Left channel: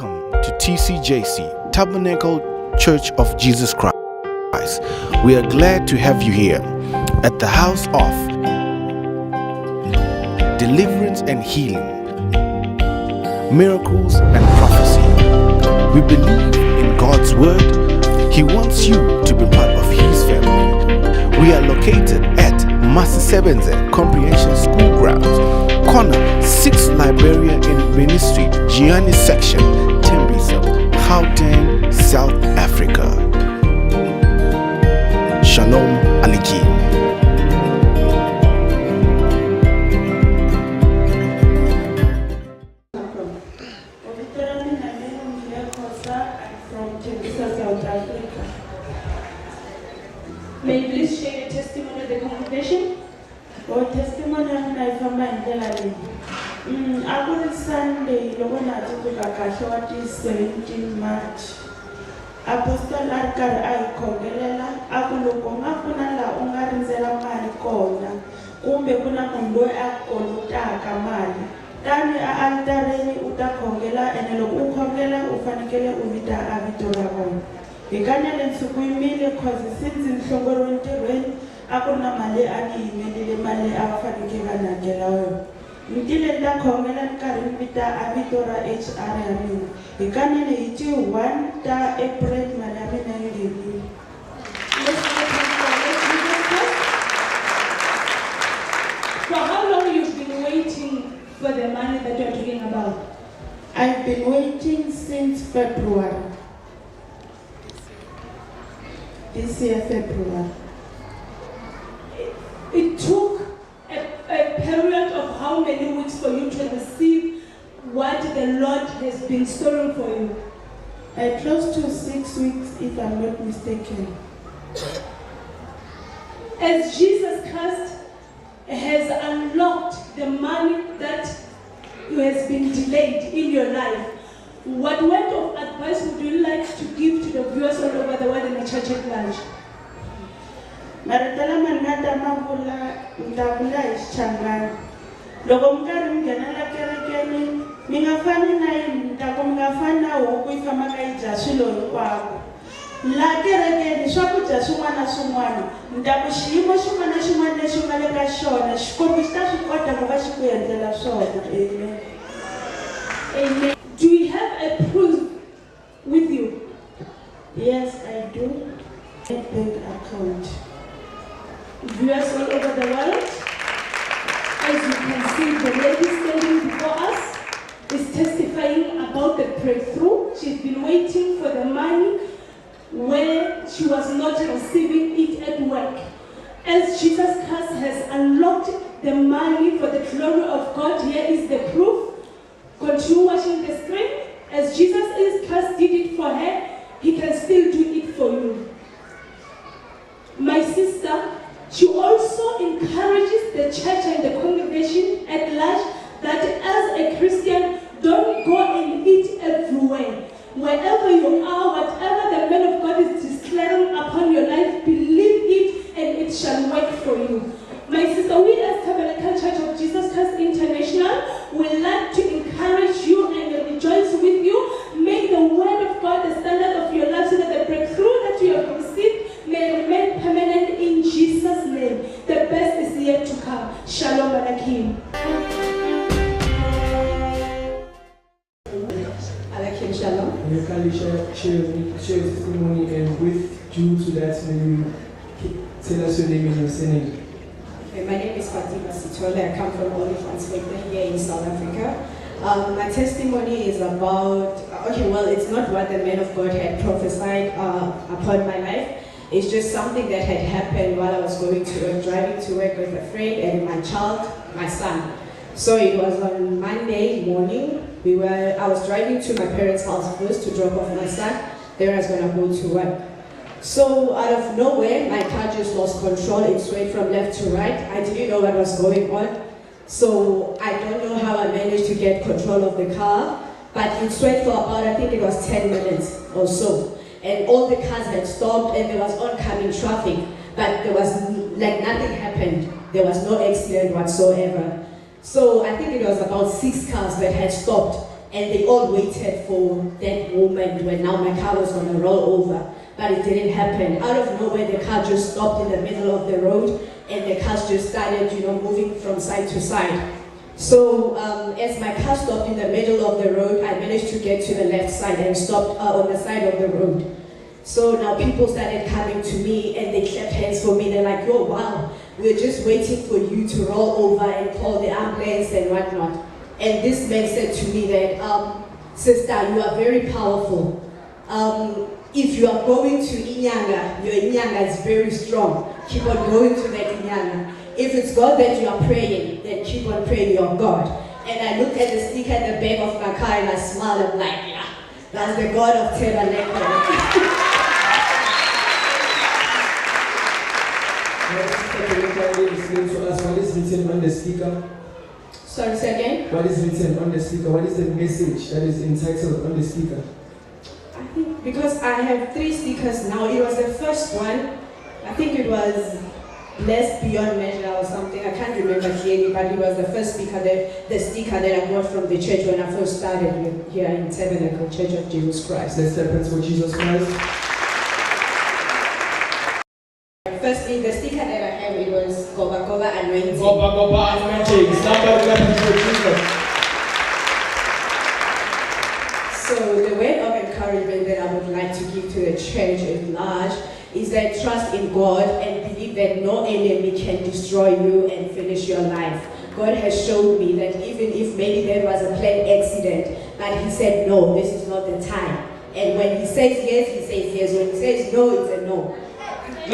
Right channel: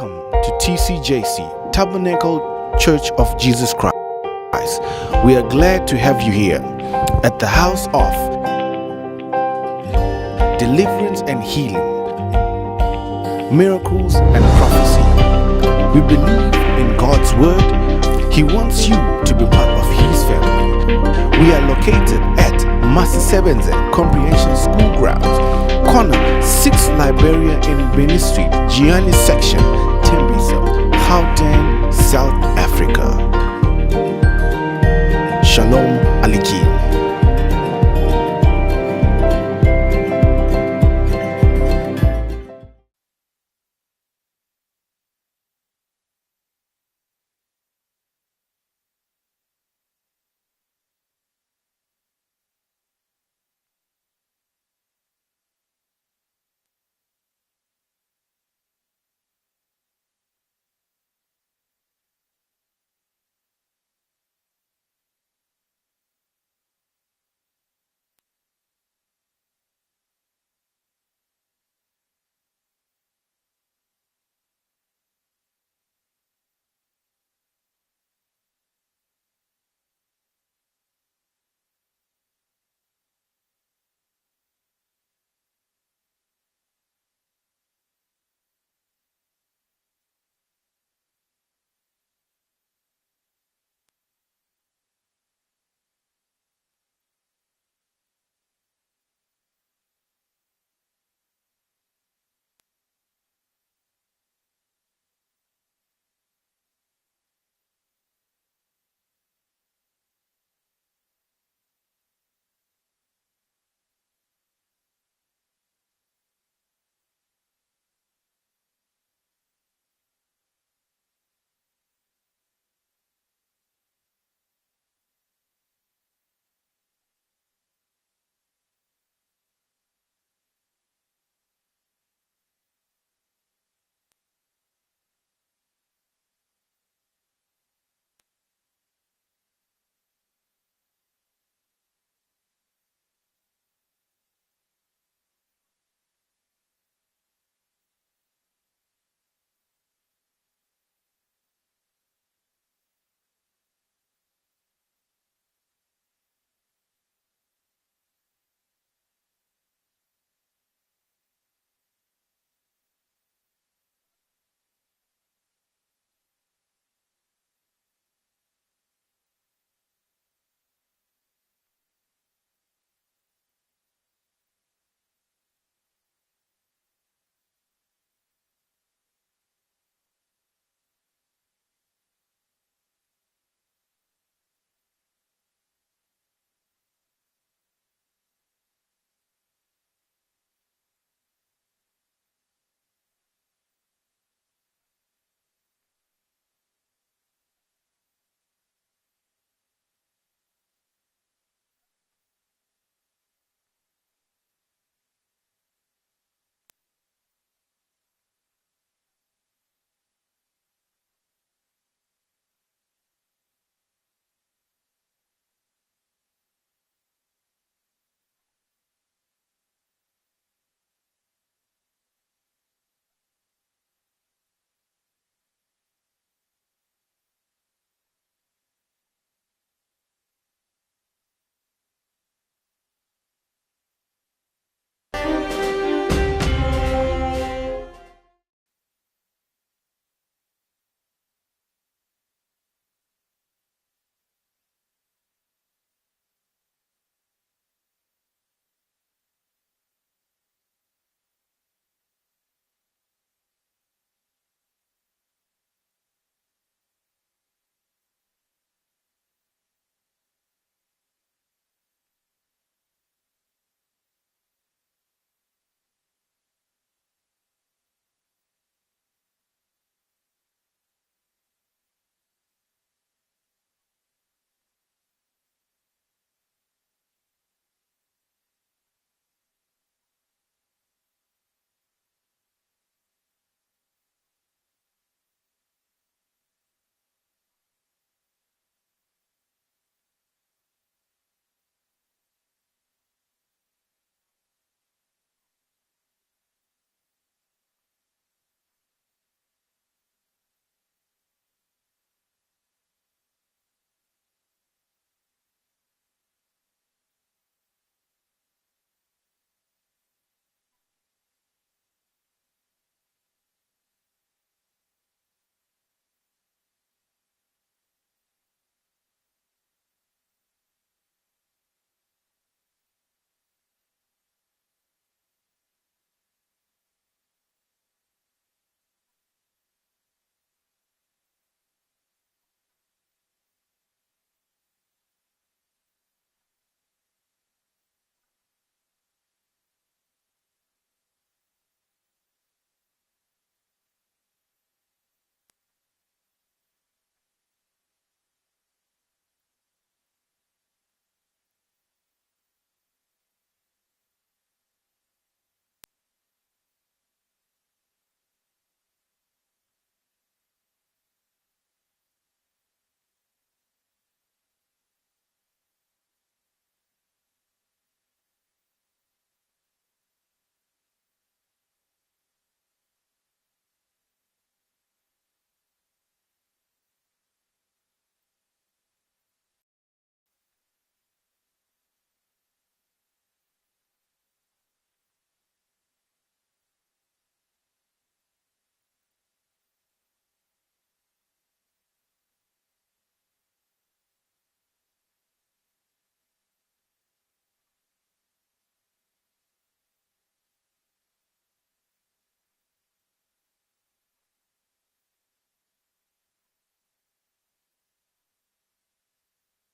Welcome to TCJC, Tabernacle Church of Jesus Christ. We are glad to have you here at the house of deliverance and healing, miracles and prophecy. We believe in God's word. He wants you to be part of His family. We are located at Masisebenze Comprehension School Grounds, corner 6 Liberia in Benin Street, Gianni section, Tembisa, Gauteng, South Africa. Shalom Aleichem. May you please share the testimony of the congregation? Or testimony of my family. I was Sunday, the one I took a casualty 17 March. Apostle Godson Nefale, Akulokoma Kunala Ungarizela Maricona, Kumbe Kuna Mundo Akolutaka Mali. Tani Altareni Uta Kongela and Elo Ukongela Ufanikele Uvita Avitora. Ikanya lensukuimile cause since in Shongoro interwen akuna male ani imedile male awafanikeka na gelayo. Mtile nda kongela nkarimpita abitora HR yamini. Ikanya le iti 1 ta April malami na ngini. For how long you've been waiting for the money that you're talking about? I've been waiting since February. This year, February. It took a period of how many weeks for you to receive what the Lord has been storing for you? Close to 6 weeks, if I'm not mistaken. As Jesus Christ has unlocked the money that has been delayed in your life, what word of advice would you like to give to the viewers all over the world in the church at large? Maritala manata mavula ndavula ischangani. Loko mkari mngenela kerekeni, mingafani na ndako mingafana huku ifama kaija swilo hinkwako. La kerekeni swakudya swin'wana swin'wana, ndako xiyimo xin'wana na xin'wana lexi nga le ka xona, Xikwembu xi ta swi kota ku va xi ku endlela swona. Amen. Amen. Do you have a proof with you? Yes, I do. A bank account. Viewers all over the world, as you can see, the lady standing before us is testifying about the breakthrough. She's been waiting for the money where she was not receiving it at work. As Jesus Christ has unlocked the money for the glory of God, here is the proof. Continue watching the screen. As Jesus Christ did it for her, He can still do it for you. My sister, she also encourages the church and the congregation at large that as a Christian, don't go and eat everywhere. Wherever you are, whatever the man of God is declaring upon your life, believe it and it shall work for you. My sister, we as Tabernacle Church of Jesus Christ International would like to encourage you and rejoice with you. Make the word of God the standard of your life so that the breakthrough that you have received may remain permanent in Jesus' name. The best is yet to come. Shalom Aleichem. Aleichem Shalom. You can share your testimony, and with due to that, may you tell us your name and your surname. Okay, my name is Fatima Sitole. I come from Bonhle Family here in South Africa. My testimony is about, it's not what the man of God had prophesied upon my life. It's just something that had happened while I was driving to work with a friend and my son. So it was on Monday morning. I was driving to my parents' house first to drop off my son. Then I was going to go to work. So out of nowhere, my car just lost control. It swayed from left to right. I didn't know what was going on. So I don't know how I managed to get control of the car, but it swayed for about, I think it was 10 minutes or so. And all the cars had stopped and there was oncoming traffic, but there was nothing happened. There was no accident whatsoever. So I think it was about 6 cars that had stopped. and they all waited for that moment when now my car was going to roll over, but it didn't happen. Out of nowhere, the car just stopped in the middle of the road, and the cars just started, moving from side to side. So as my car stopped in the middle of the road, I managed to get to the left side and stopped on the side of the road. So now people started coming to me and they clapped hands for me. They're like, "Oh wow, we're just waiting for you to roll over and call the ambulance and whatnot." And this man said to me that, "Sister, you are very powerful. If you are going to Inyanga, your Inyanga is very strong. Keep on going to that Inyanga. If it's God that you are praying, then keep on praying your God." And I looked at the sticker at the back of my car and I smiled. I'm like, yeah, that's the God of Tabernacle. Explain to us what is written on the sticker. Sorry, say again? What is written on the sticker? What is the message that is entitled on the sticker? I think because I have 3 stickers now. It was the first one. I think it was Blessed Beyond Measure or something. I can't remember clearly, but it was the first sticker that I got from the church when I first started here in Tabernacle Church of Jesus Christ. Let's step for Jesus Christ. Firstly, the sticker that I have, it was Goba Goba Anointing. Goba Goba Anointing. Somebody clap for Jesus. So the word of encouragement that I would like to give to the church at large is that trust in God and believe that no enemy can destroy you and finish your life. God has showed me that even if maybe there was a plane accident, but He said, no, this is not the time. And when He says yes, He says yes. When He says no, it's a no. On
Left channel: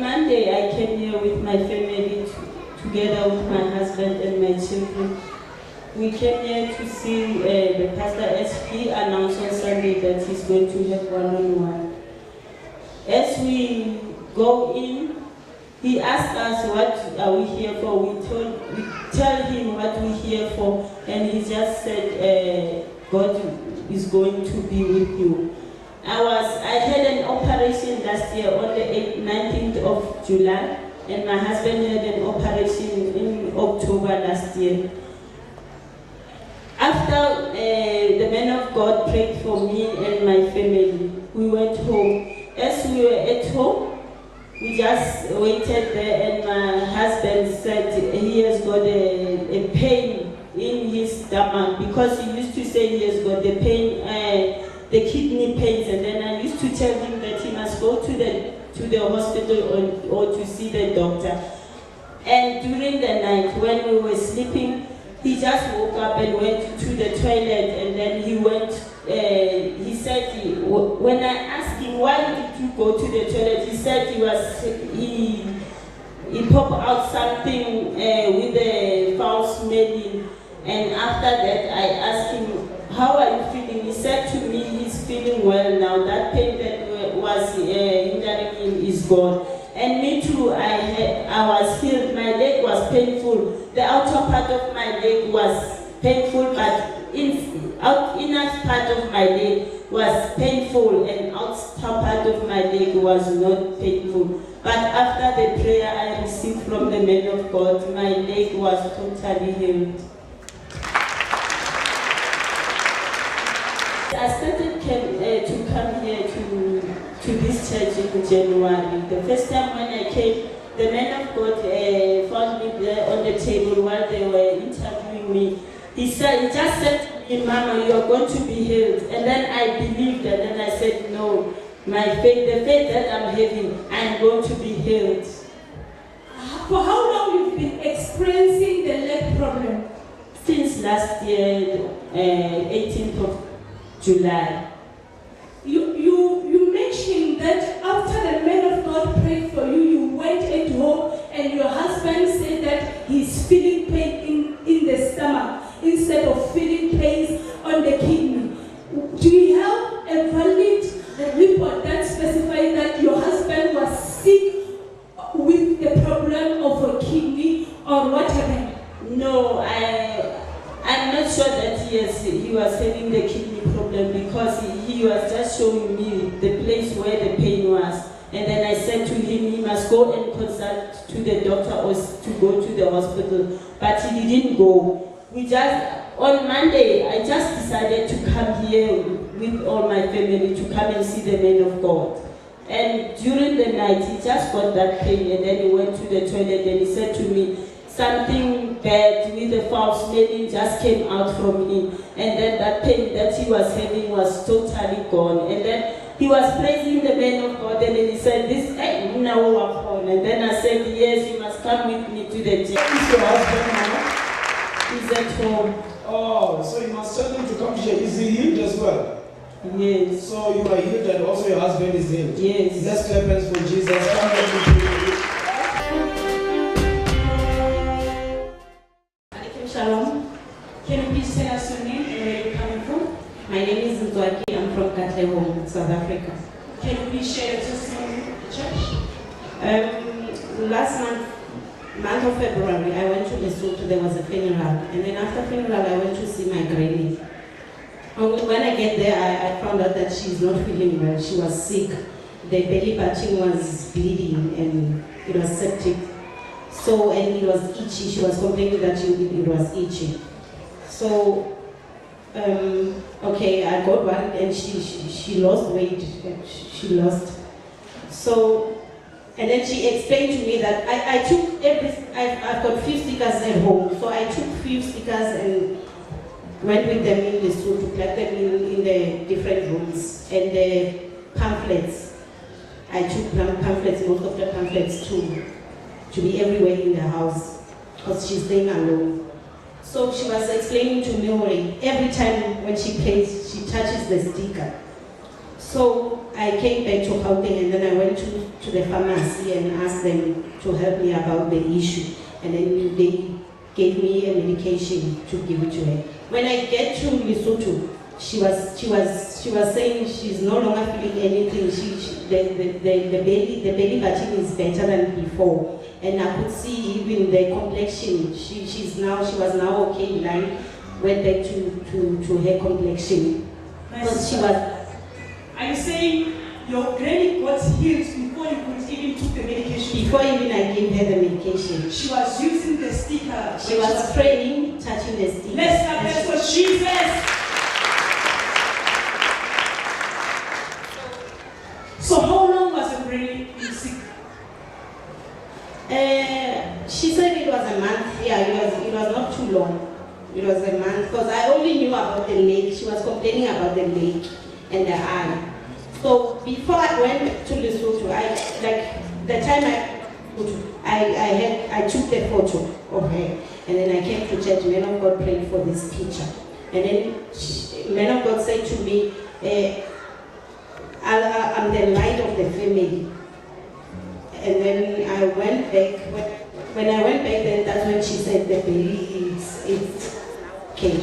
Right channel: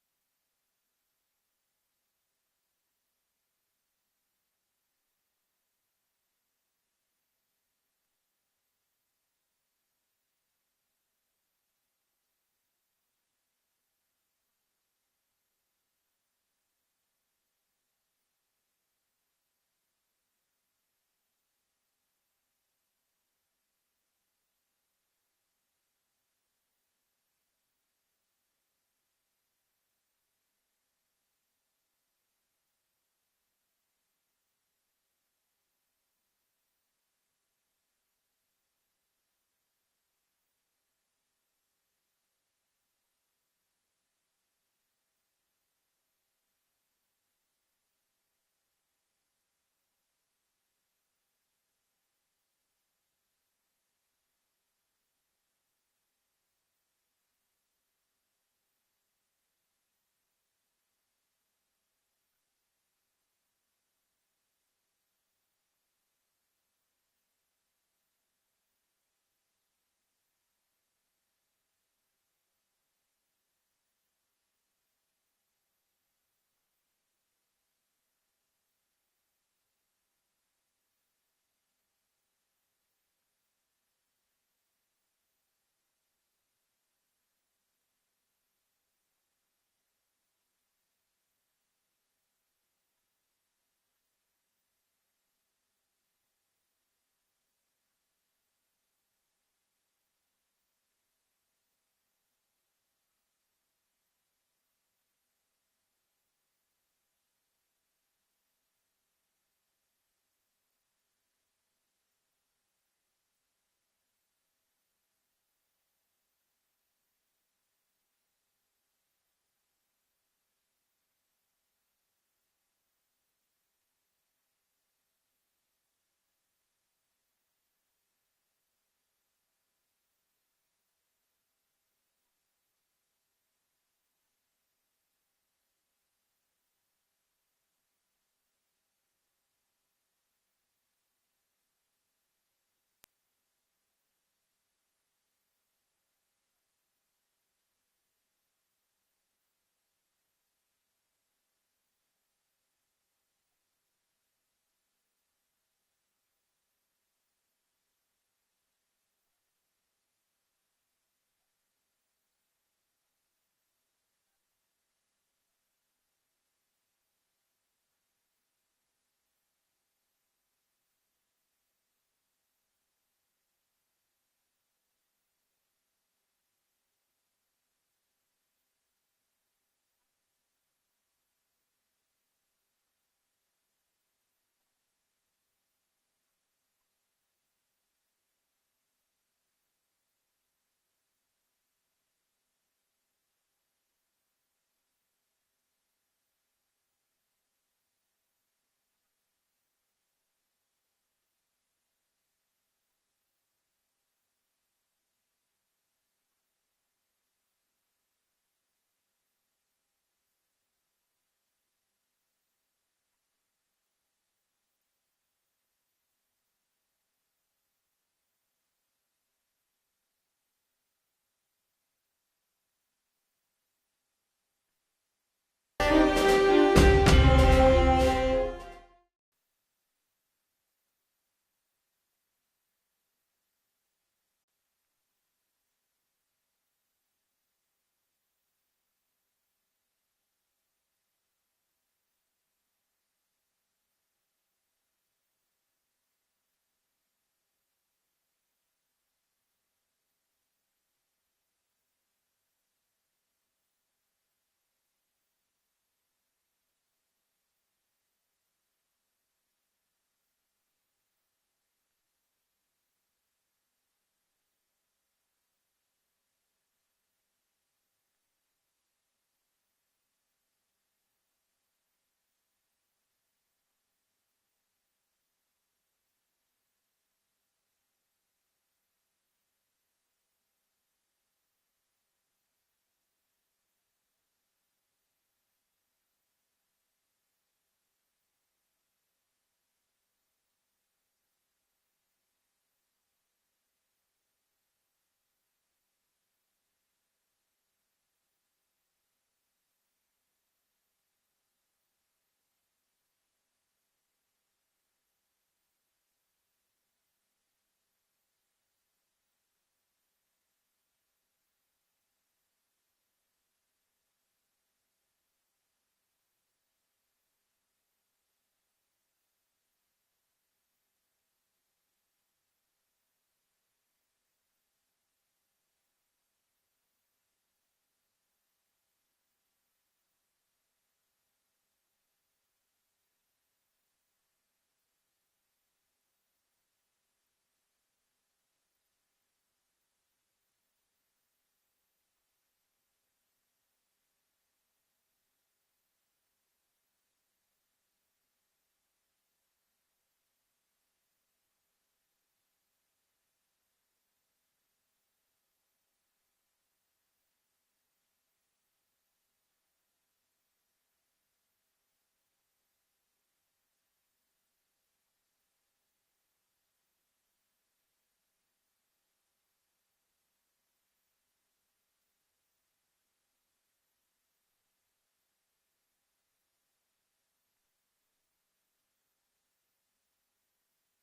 Monday, I came here with my family together with my husband and my children. We came here to see the pastor as he announced on Sunday that he's going to have one-on-one. As we go in, he asked us what are we here for. We tell him what we're here for, and he just said, God is going to be with you. I had an operation last year on the 19th of July, and my husband had an operation in October last year. After the man of God prayed for me and my family, we went home. As we were at home, we just waited there, and my husband said he has got a pain in his stomach, because he used to say he has got the pain, the kidney pains, and then I used to tell him that he must go to the hospital or to see the doctor. And during the night when we were sleeping, he just woke up and went to the toilet, and then he went, he said, when I asked him, why did you go to the toilet? He said he popped out something with a foul smelling. And after that, I asked him, how are you feeling? He said to me, he's feeling well now. That pain that was hindering him is gone. And me too, I was healed. My leg was painful. The outer part of my leg was painful, but inner part of my leg was painful, and outer part of my leg was not painful. But after the prayer I received from the man of God, my leg was totally healed. I started to come here to this church in January. The first time when I came, the man of God found me there on the table while they were interviewing me. He just said to me, "Mama, you are going to be healed." And then I believed, and then I said, "No, the faith that I'm having, I'm going to be healed." For how long you've been experiencing the leg problem? Since last year, 18th of July. You mentioned that after the man of God prayed for you, you went at home and your husband said that he's feeling pain in the stomach instead of feeling pains on the kidney. Do you have a valid report that specifies that your husband was sick with the problem of a kidney, or what happened? No, I'm not sure that he was having the kidney problem, because he was just showing me the place where the pain was. And then I said to him, he must go and consult to the doctor or to go to the hospital. But he didn't go. On Monday, I just decided to come here with all my family to come and see the man of God. And during the night, he just got that pain, and then he went to the toilet and he said to me, something bad with the foul smelling just came out from him. And then that pain that he was having was totally gone. And then he was praising the man of God, and then he said, this ain't now upon. And then I said, yes, you must come with me to the church. Where is your husband now? He's at home. Oh, so you must tell him to come to church. Is he healed as well? Yes. So you are healed and also your husband is healed? Yes. Let's clap hands for Jesus. Come on. Shalom. Can you please tell us your name and where you're coming from? My name is Nzwaki. I'm from Bonhle, South Africa. Can you please share your testimony with the church? Last month of February, I went to Lesotho. There was a funeral, and then after funeral, I went to see my granny. When I get there, I found out that she's not feeling well. She was sick. The belly button was bleeding, and it was septic. So, and it was itchy. She was complaining that it was itchy. So, okay, I got one, and she lost weight. She lost. So, and then she explained to me that I've got few stickers at home. So I took few stickers and went with them in the school to collect them in the different rooms. And the pamphlets, I took pamphlets, most of the pamphlets to be everywhere in the house, because she's staying alone. So she was explaining to me, every time when she plays, she touches the sticker. So I came back to Gauteng, and then I went to the pharmacy and asked them to help me about the issue. And then they gave me a medication to give it to her. When I get to Lesotho, she was saying she's no longer feeling anything. The belly button is better than before. And I could see even the complexion. She was now okay. Like went back to her complexion. Because she was. Are you saying your granny got healed before you could even took the medication? Before even I gave her the medication. She was using the sticker. She was praying, touching the sticker. Let's clap for Jesus. So how long was your granny sick? She said it was a month. Yeah, it was not too long. It was a month, because I only knew about the leg. She was complaining about the leg and the eye. So before I went to Lesotho, I took the photo of her, and then I came to church. Man of God prayed for this picture, and then man of God said to me, "I'm the light of the family." And then I went back. When I went back, then that's when she said the baby is okay.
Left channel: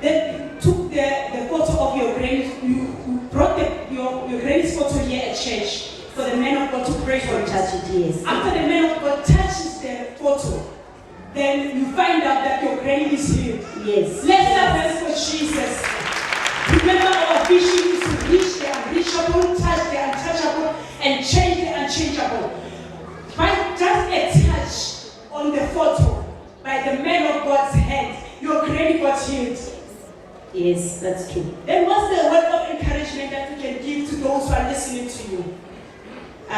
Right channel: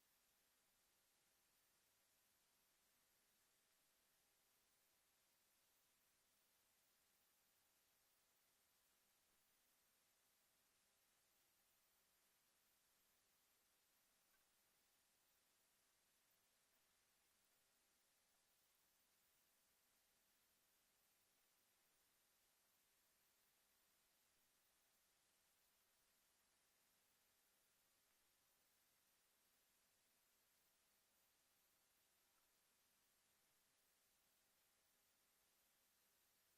Then took the photo of your granny. You brought your granny's photo here at church for the man of God to pray for it. Touch it, yes. After the man of God touches the photo, then you find out that your granny is healed. Yes. Let's have for Jesus. Remember, our vision is to reach the unreachable, touch the untouchable, and change the unchangeable. By just a touch on the photo by the man of God's hand, your granny got healed. Yes, that's true. Then what's the word of encouragement that you can give to those who are listening to you? I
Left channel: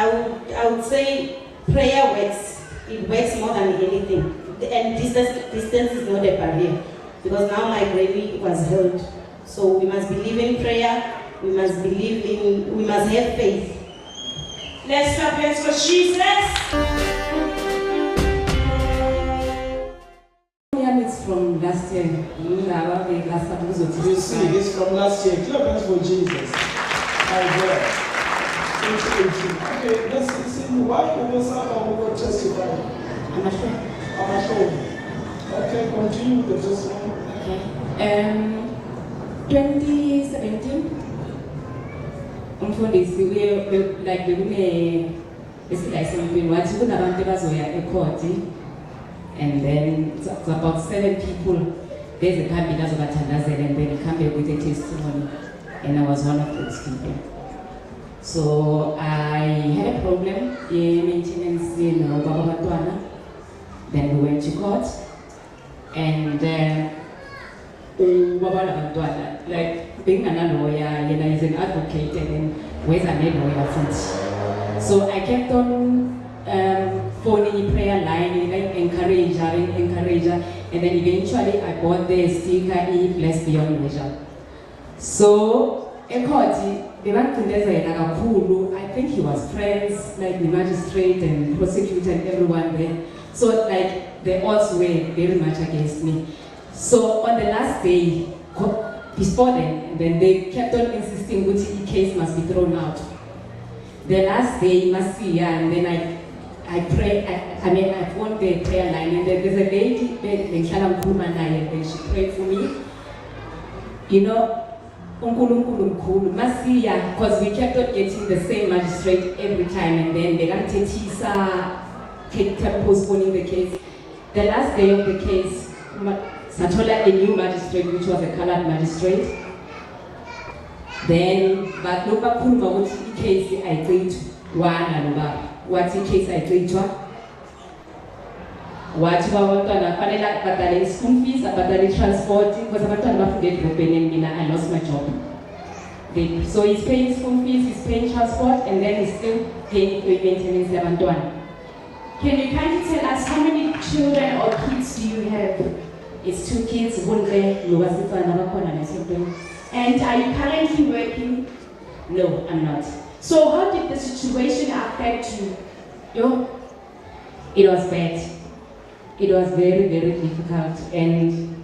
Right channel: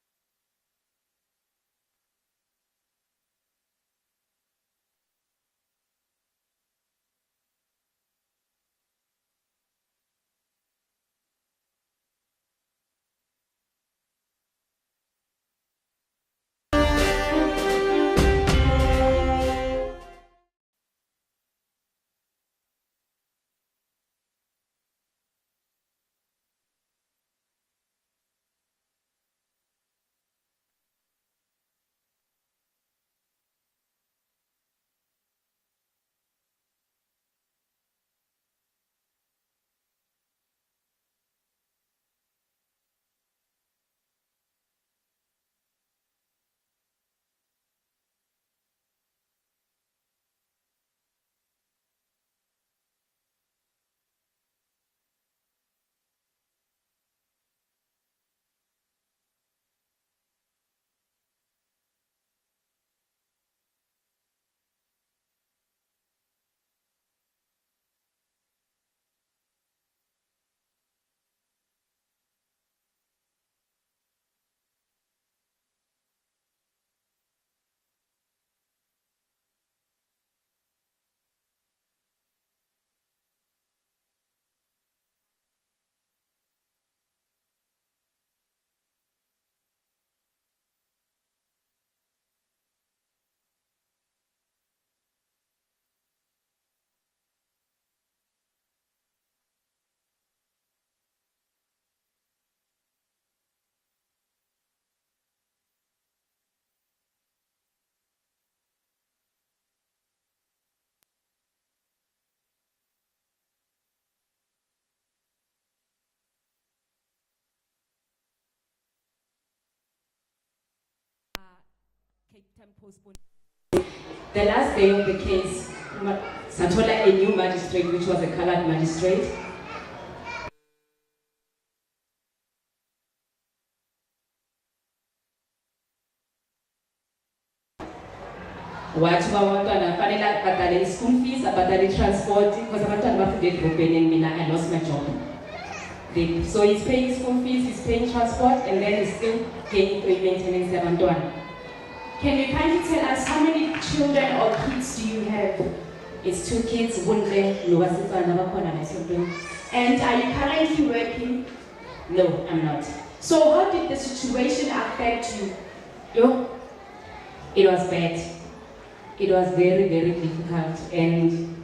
would say prayer works. It works more than anything. And distance is not a barrier. Because now my granny was healed. So we must believe in prayer. We must have faith. Let's clap hands for Jesus. It's from last year. You see, it's from last year. Clap hands for Jesus. My God. Okay, let's listen. Why over someone will testify? I'm not sure. I'm not sure. Okay, continue with the testimony. Okay. 2017, umfundisi like besiyayisempini wathi kunabantu abazoya ekhoti, and then it's about 7 people beziphambili azobathandazela, and then come back with a testimony, and I was one of those people. So I had a problem in maintenance in Bababatuana. Then we went to court, and like being a lawyer, is an advocate, and then where's a lawyer from? So I kept on phoning prayer line, encourage her, and then eventually I bought the sticker Blessed Beyond Measure. So in court, I think he was friends, like the magistrate and prosecutor and everyone there. So like the odds were very much against me. So on the last day, before then they kept on insisting which case must be thrown out. The last day, and then I prayed, I phoned the prayer line, and there's a lady, and she prayed for me. Because we kept on getting the same magistrate every time, and then they kept postponing the case. The last day of the case, Satola, a new magistrate, which was a colored magistrate. Then, but no what case I agreed to one and what case I agreed to. What school fees, transport, because I lost my job. So he's paying school fees, he's paying transport, and then he's still paying maintenance. Can you kindly tell us how many children or kids do you have? It's 2 kids, Bonhle, and are you currently working? No, I'm not. So how did the situation affect you? It was bad. It was very, very difficult, and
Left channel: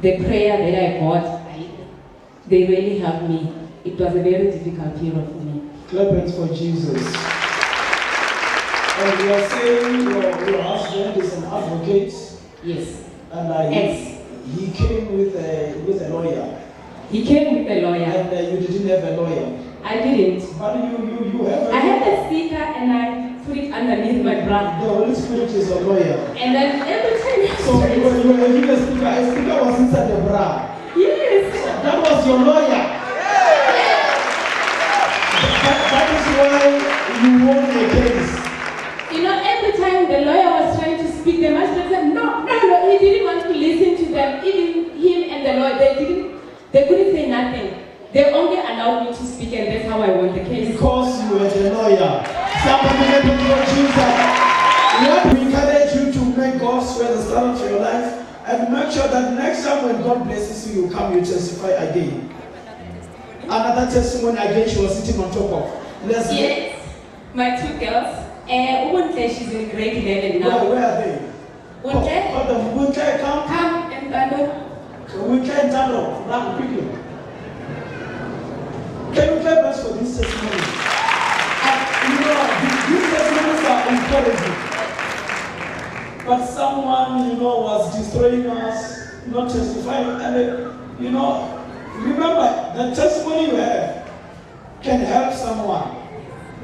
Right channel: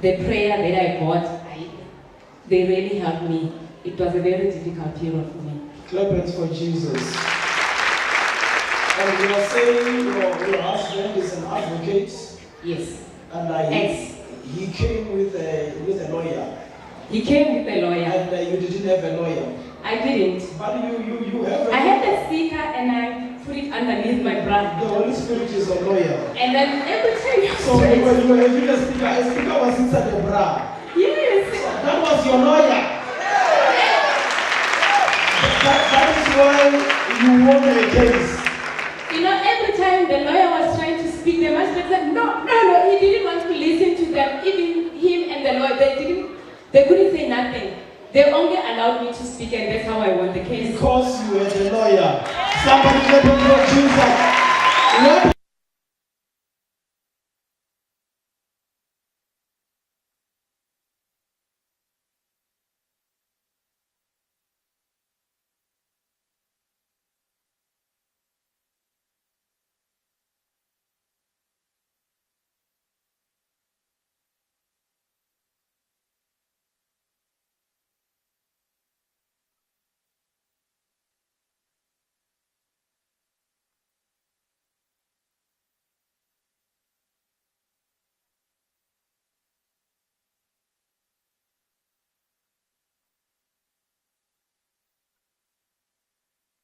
the prayer that I got, they really helped me. It was a very difficult period for me. Clap hands for Jesus. And you are saying your husband is an advocate. Yes. And he came with a lawyer. He came with a lawyer. And you didn't have a lawyer. I didn't. But you have a I had a sticker and I put it underneath my bra. The Holy Spirit is a lawyer. And then every time so you were having a sticker was inside your bra. Yes. That was your lawyer. That is why you won the case. Every time the lawyer was trying to speak, the magistrate said, no, he didn't want to listen to them. Even him and the lawyer, they couldn't say nothing. They only allowed me to speak, and that's how I won the case. Because you were the lawyer. Somebody let me know Jesus. Lord, we encourage you to make God's word the start of your life, and make sure that next time when God blesses you, you come, you testify again. Another testimony again, she was sitting on top of. Let's yes, my 2 girls. Bonhle, she's in grade 11 now. Where are they? Bonhle, come and Bonhle. We can turn off. Run quickly. Can you clap us for this testimony? These testimonies are encouraging. But someone, was destroying us, not testifying. And, remember, the testimony you have can help someone.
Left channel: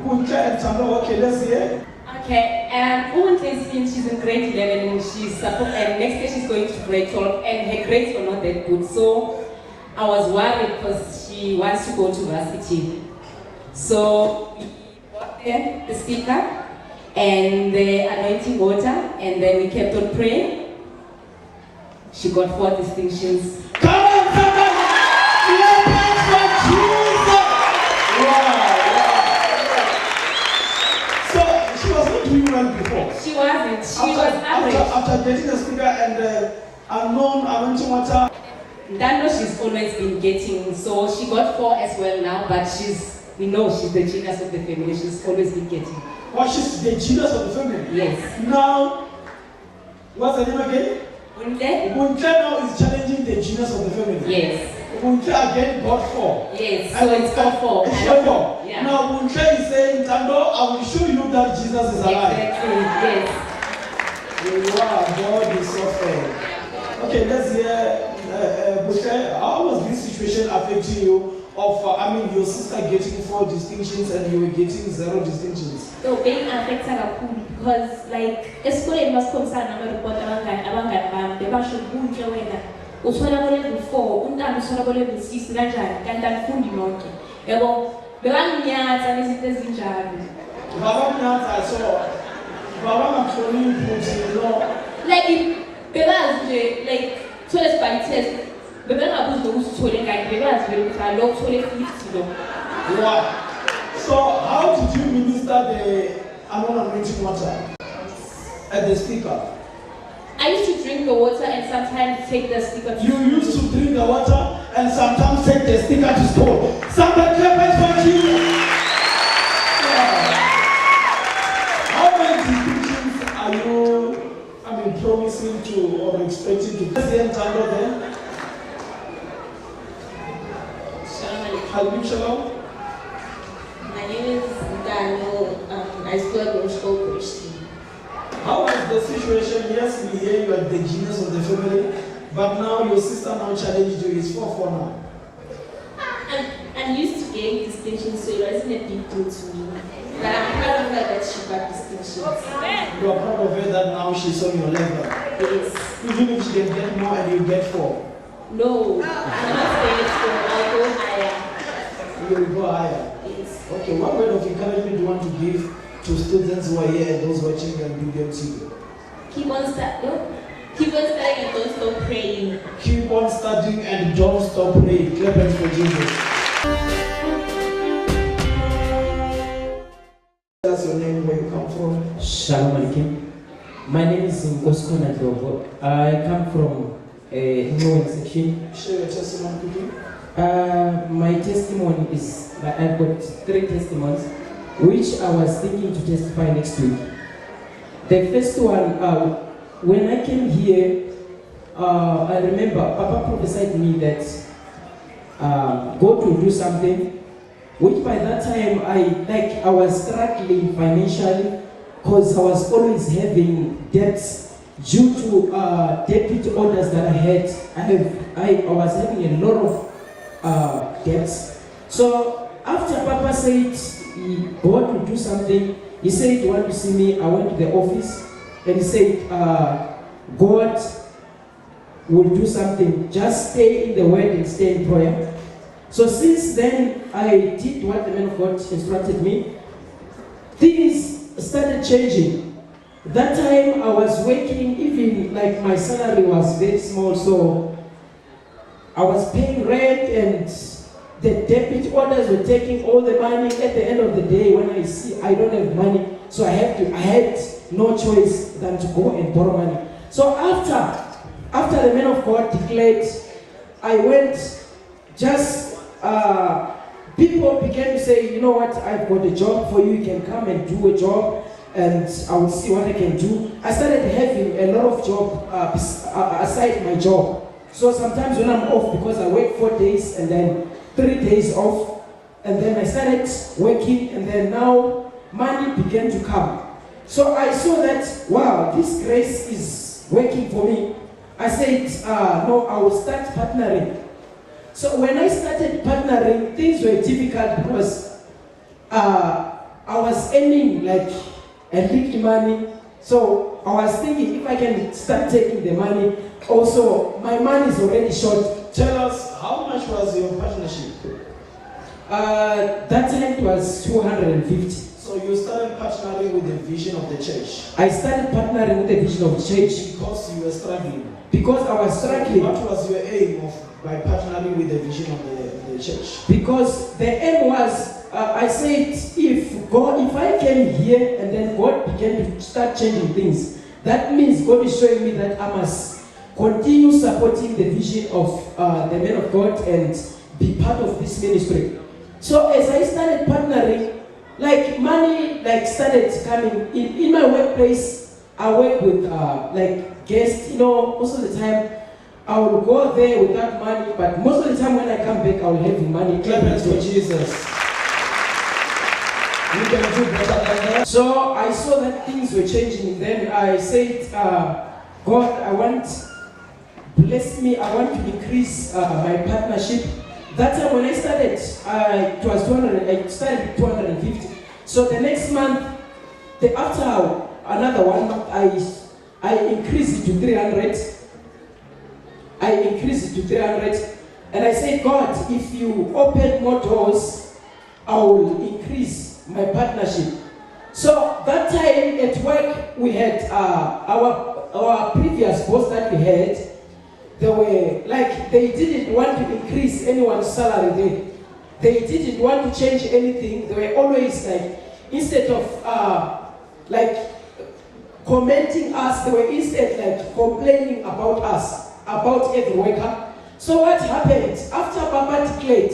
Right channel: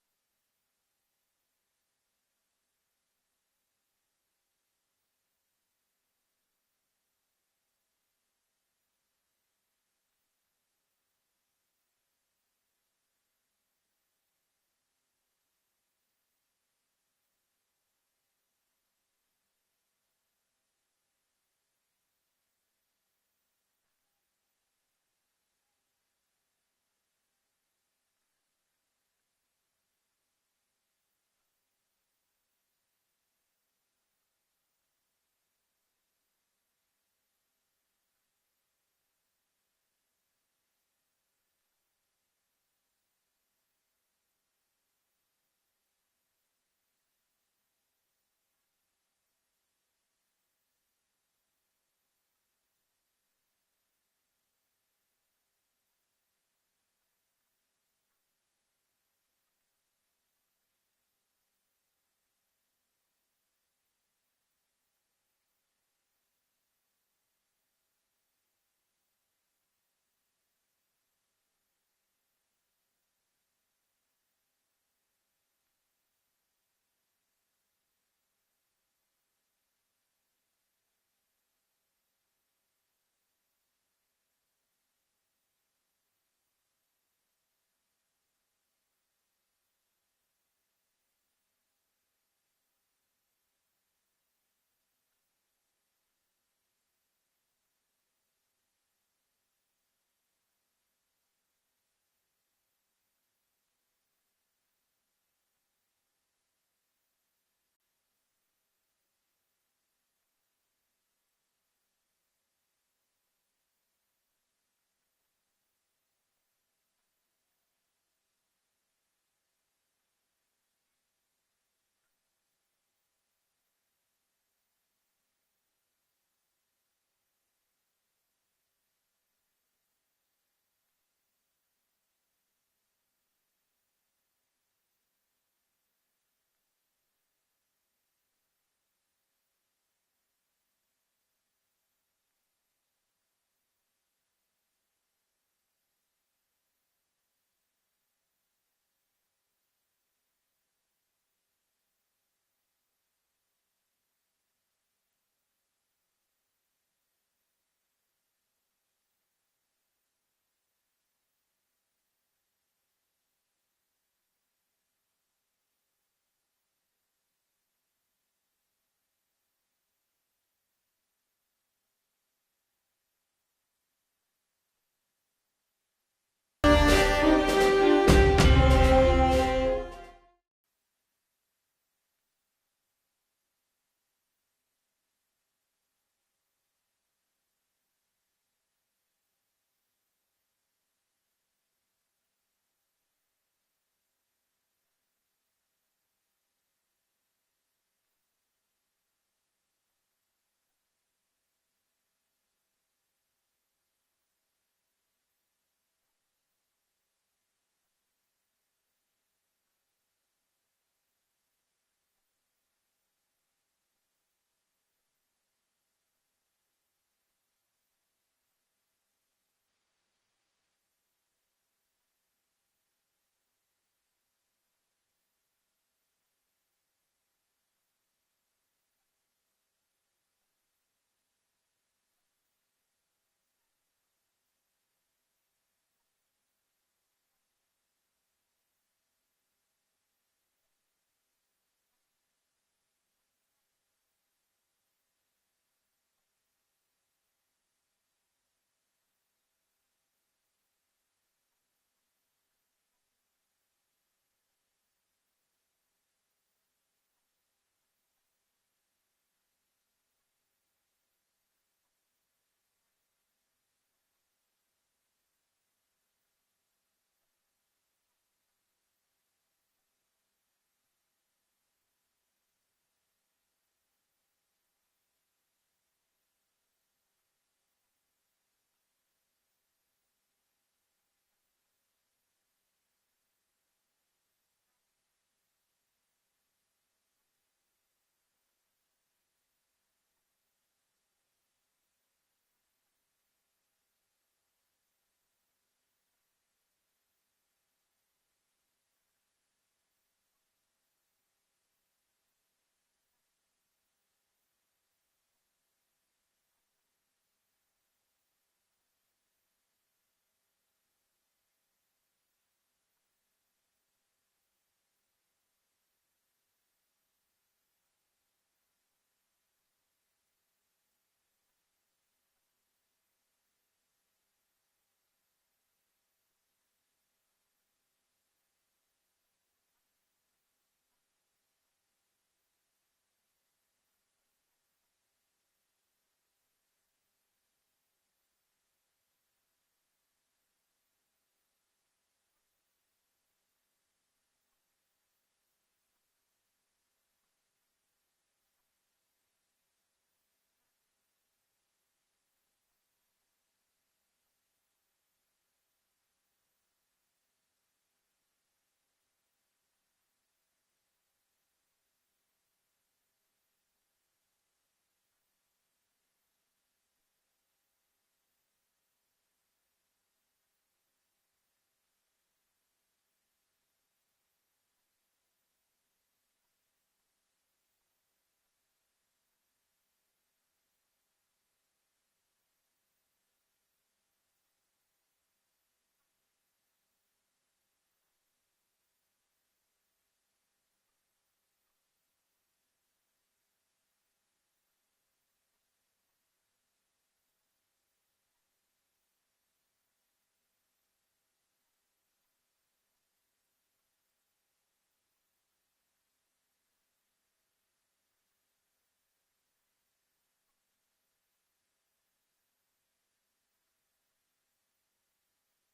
Okay, let's hear. Okay, Bonhle, she's in grade 11 and and next year she's going to grade 12, and her grades were not that good. So I was worried because she wants to go to varsity. So we bought the sticker and the anointing water, and then we kept on praying. She got 4 distinctions. Come on, somebody! For Jesus! Wow. So she was not doing well before. She wasn't. She was average. After getting the sticker and the unknown anointing water. Dano, she's always been getting, so she got 4 as well now, but she's the genius of the family. She's always been getting. Well, she's the genius of the family? Yes. Now, what's the name again? Bonhle now is challenging the genius of the family. Yes. Bonhle again got 4. Yes, so it's got 4. It's got 4. Yeah. Now Bonhle is saying, Tando, I will show you that Jesus is alive. Exactly, yes. Wow, God is so fair. Okay, let's hear, Bonhle, how was this situation affecting you? Your sister getting 4 distinctions and you were getting 0 distinctions. So being affected because school it must concern report abangani they basho kunje wena uthola level 4 umntana uthola level 6 kanjani kanti alifundi nonke yabo Bebanginyatha nezinto ezinjalo. Baba Nyanza, I saw. Baba Nyanza, you know. Like bebazi nje like toilet by test. Bebengabuzi nokuthi uthole ngani bebazi vele ukuthi alo uthole 50 lo. Wow. So how did you minister the anointing water at the speaker? I used to drink the water and sometimes take the sticker to You used to drink the water and sometimes take the sticker to school. Somebody clap it for Jesus. Yeah. How many teachings are you, promising to or expecting to? What's the end title then? Shalom. Shalom. My name is Daniel. I still go to school Christian. How was the situation? Yes, we hear you are the genius of the family, but now your sister now challenged you. It's 4-4 now. I'm used to getting distinctions, so it wasn't a big deal to me. But I'm proud of her that she got distinctions. You are proud of her that now she's on your level. Yes. Even if she can get more and you get 4. No, I'm not saying so. I'll go higher. You will go higher. Yes. Okay, what word of encouragement do you want to give to students who are here and those watching and BBMC? Keep on studying. Keep on studying and don't stop praying. Keep on studying and don't stop praying. Clap hands for Jesus. That's your name, where you come from. Shalom alaikum. My name is Apostle Godson Nefale. I come from Northern section. Share your testimony quickly. My testimony is that I've got 3 testimonies, which I was thinking to testify next week. The first one, when I came here, I remember Papa prophesied to me that God will do something, which by that time I was struggling financially because I was always having debts due to deputy orders that I had. I was having a lot of debts. So after Papa said God will do something, he said he wanted to see me. I went to the office and he said God will do something. Just stay in the word and stay in prayer. So since then, I did what the man of God instructed me. Things started changing. That time I was working, even like my salary was very small, so I was paying rent and the deputy orders were taking all the money. At the end of the day, when I see I don't have money, so I had no choice than to go and borrow money. So after the man of God declared, I went, people began to say, you know what, I've got a job for you, you can come and do a job and I will see what I can do. I started having a lot of job aside my job. So sometimes when I'm off, because I work 4 days and then 3 days off, and then I started working, and then now money began to come. So I saw that, wow, this grace is working for me. I said, no, I will start partnering. So when I started partnering, things were difficult because I was earning like a little money. So I was thinking if I can start taking the money, also my money is already short. Tell us, how much was your partnership? That time it was 250. So you started partnering with the vision of the church? I started partnering with the vision of the church. Because you were struggling? Because I was struggling. What was your aim by partnering with the vision of the church? Because the aim was, I said, if I came here and then God began to start changing things, that means God is showing me that I must continue supporting the vision of the man of God and be part of this ministry. So as I started partnering, like money started coming in my workplace. I work with guests, most of the time I will go there without money, but most of the time when I come back I will have money. Clap hands for Jesus. You can do better than that. So I saw that things were changing. Then I said, God, bless me, I want to increase my partnership. That time when I started, it was 200. I started with 250. So the next month, after another 1 month, I increased it to 300. And I said, God, if you open more doors, I will increase my partnership. So that time at work, we had our previous boss that we had. They were like, they didn't want to increase anyone's salary. They didn't want to change anything. They were always like, instead of like commenting us, they were instead like complaining about us, about every worker. So what happened after Papa declared,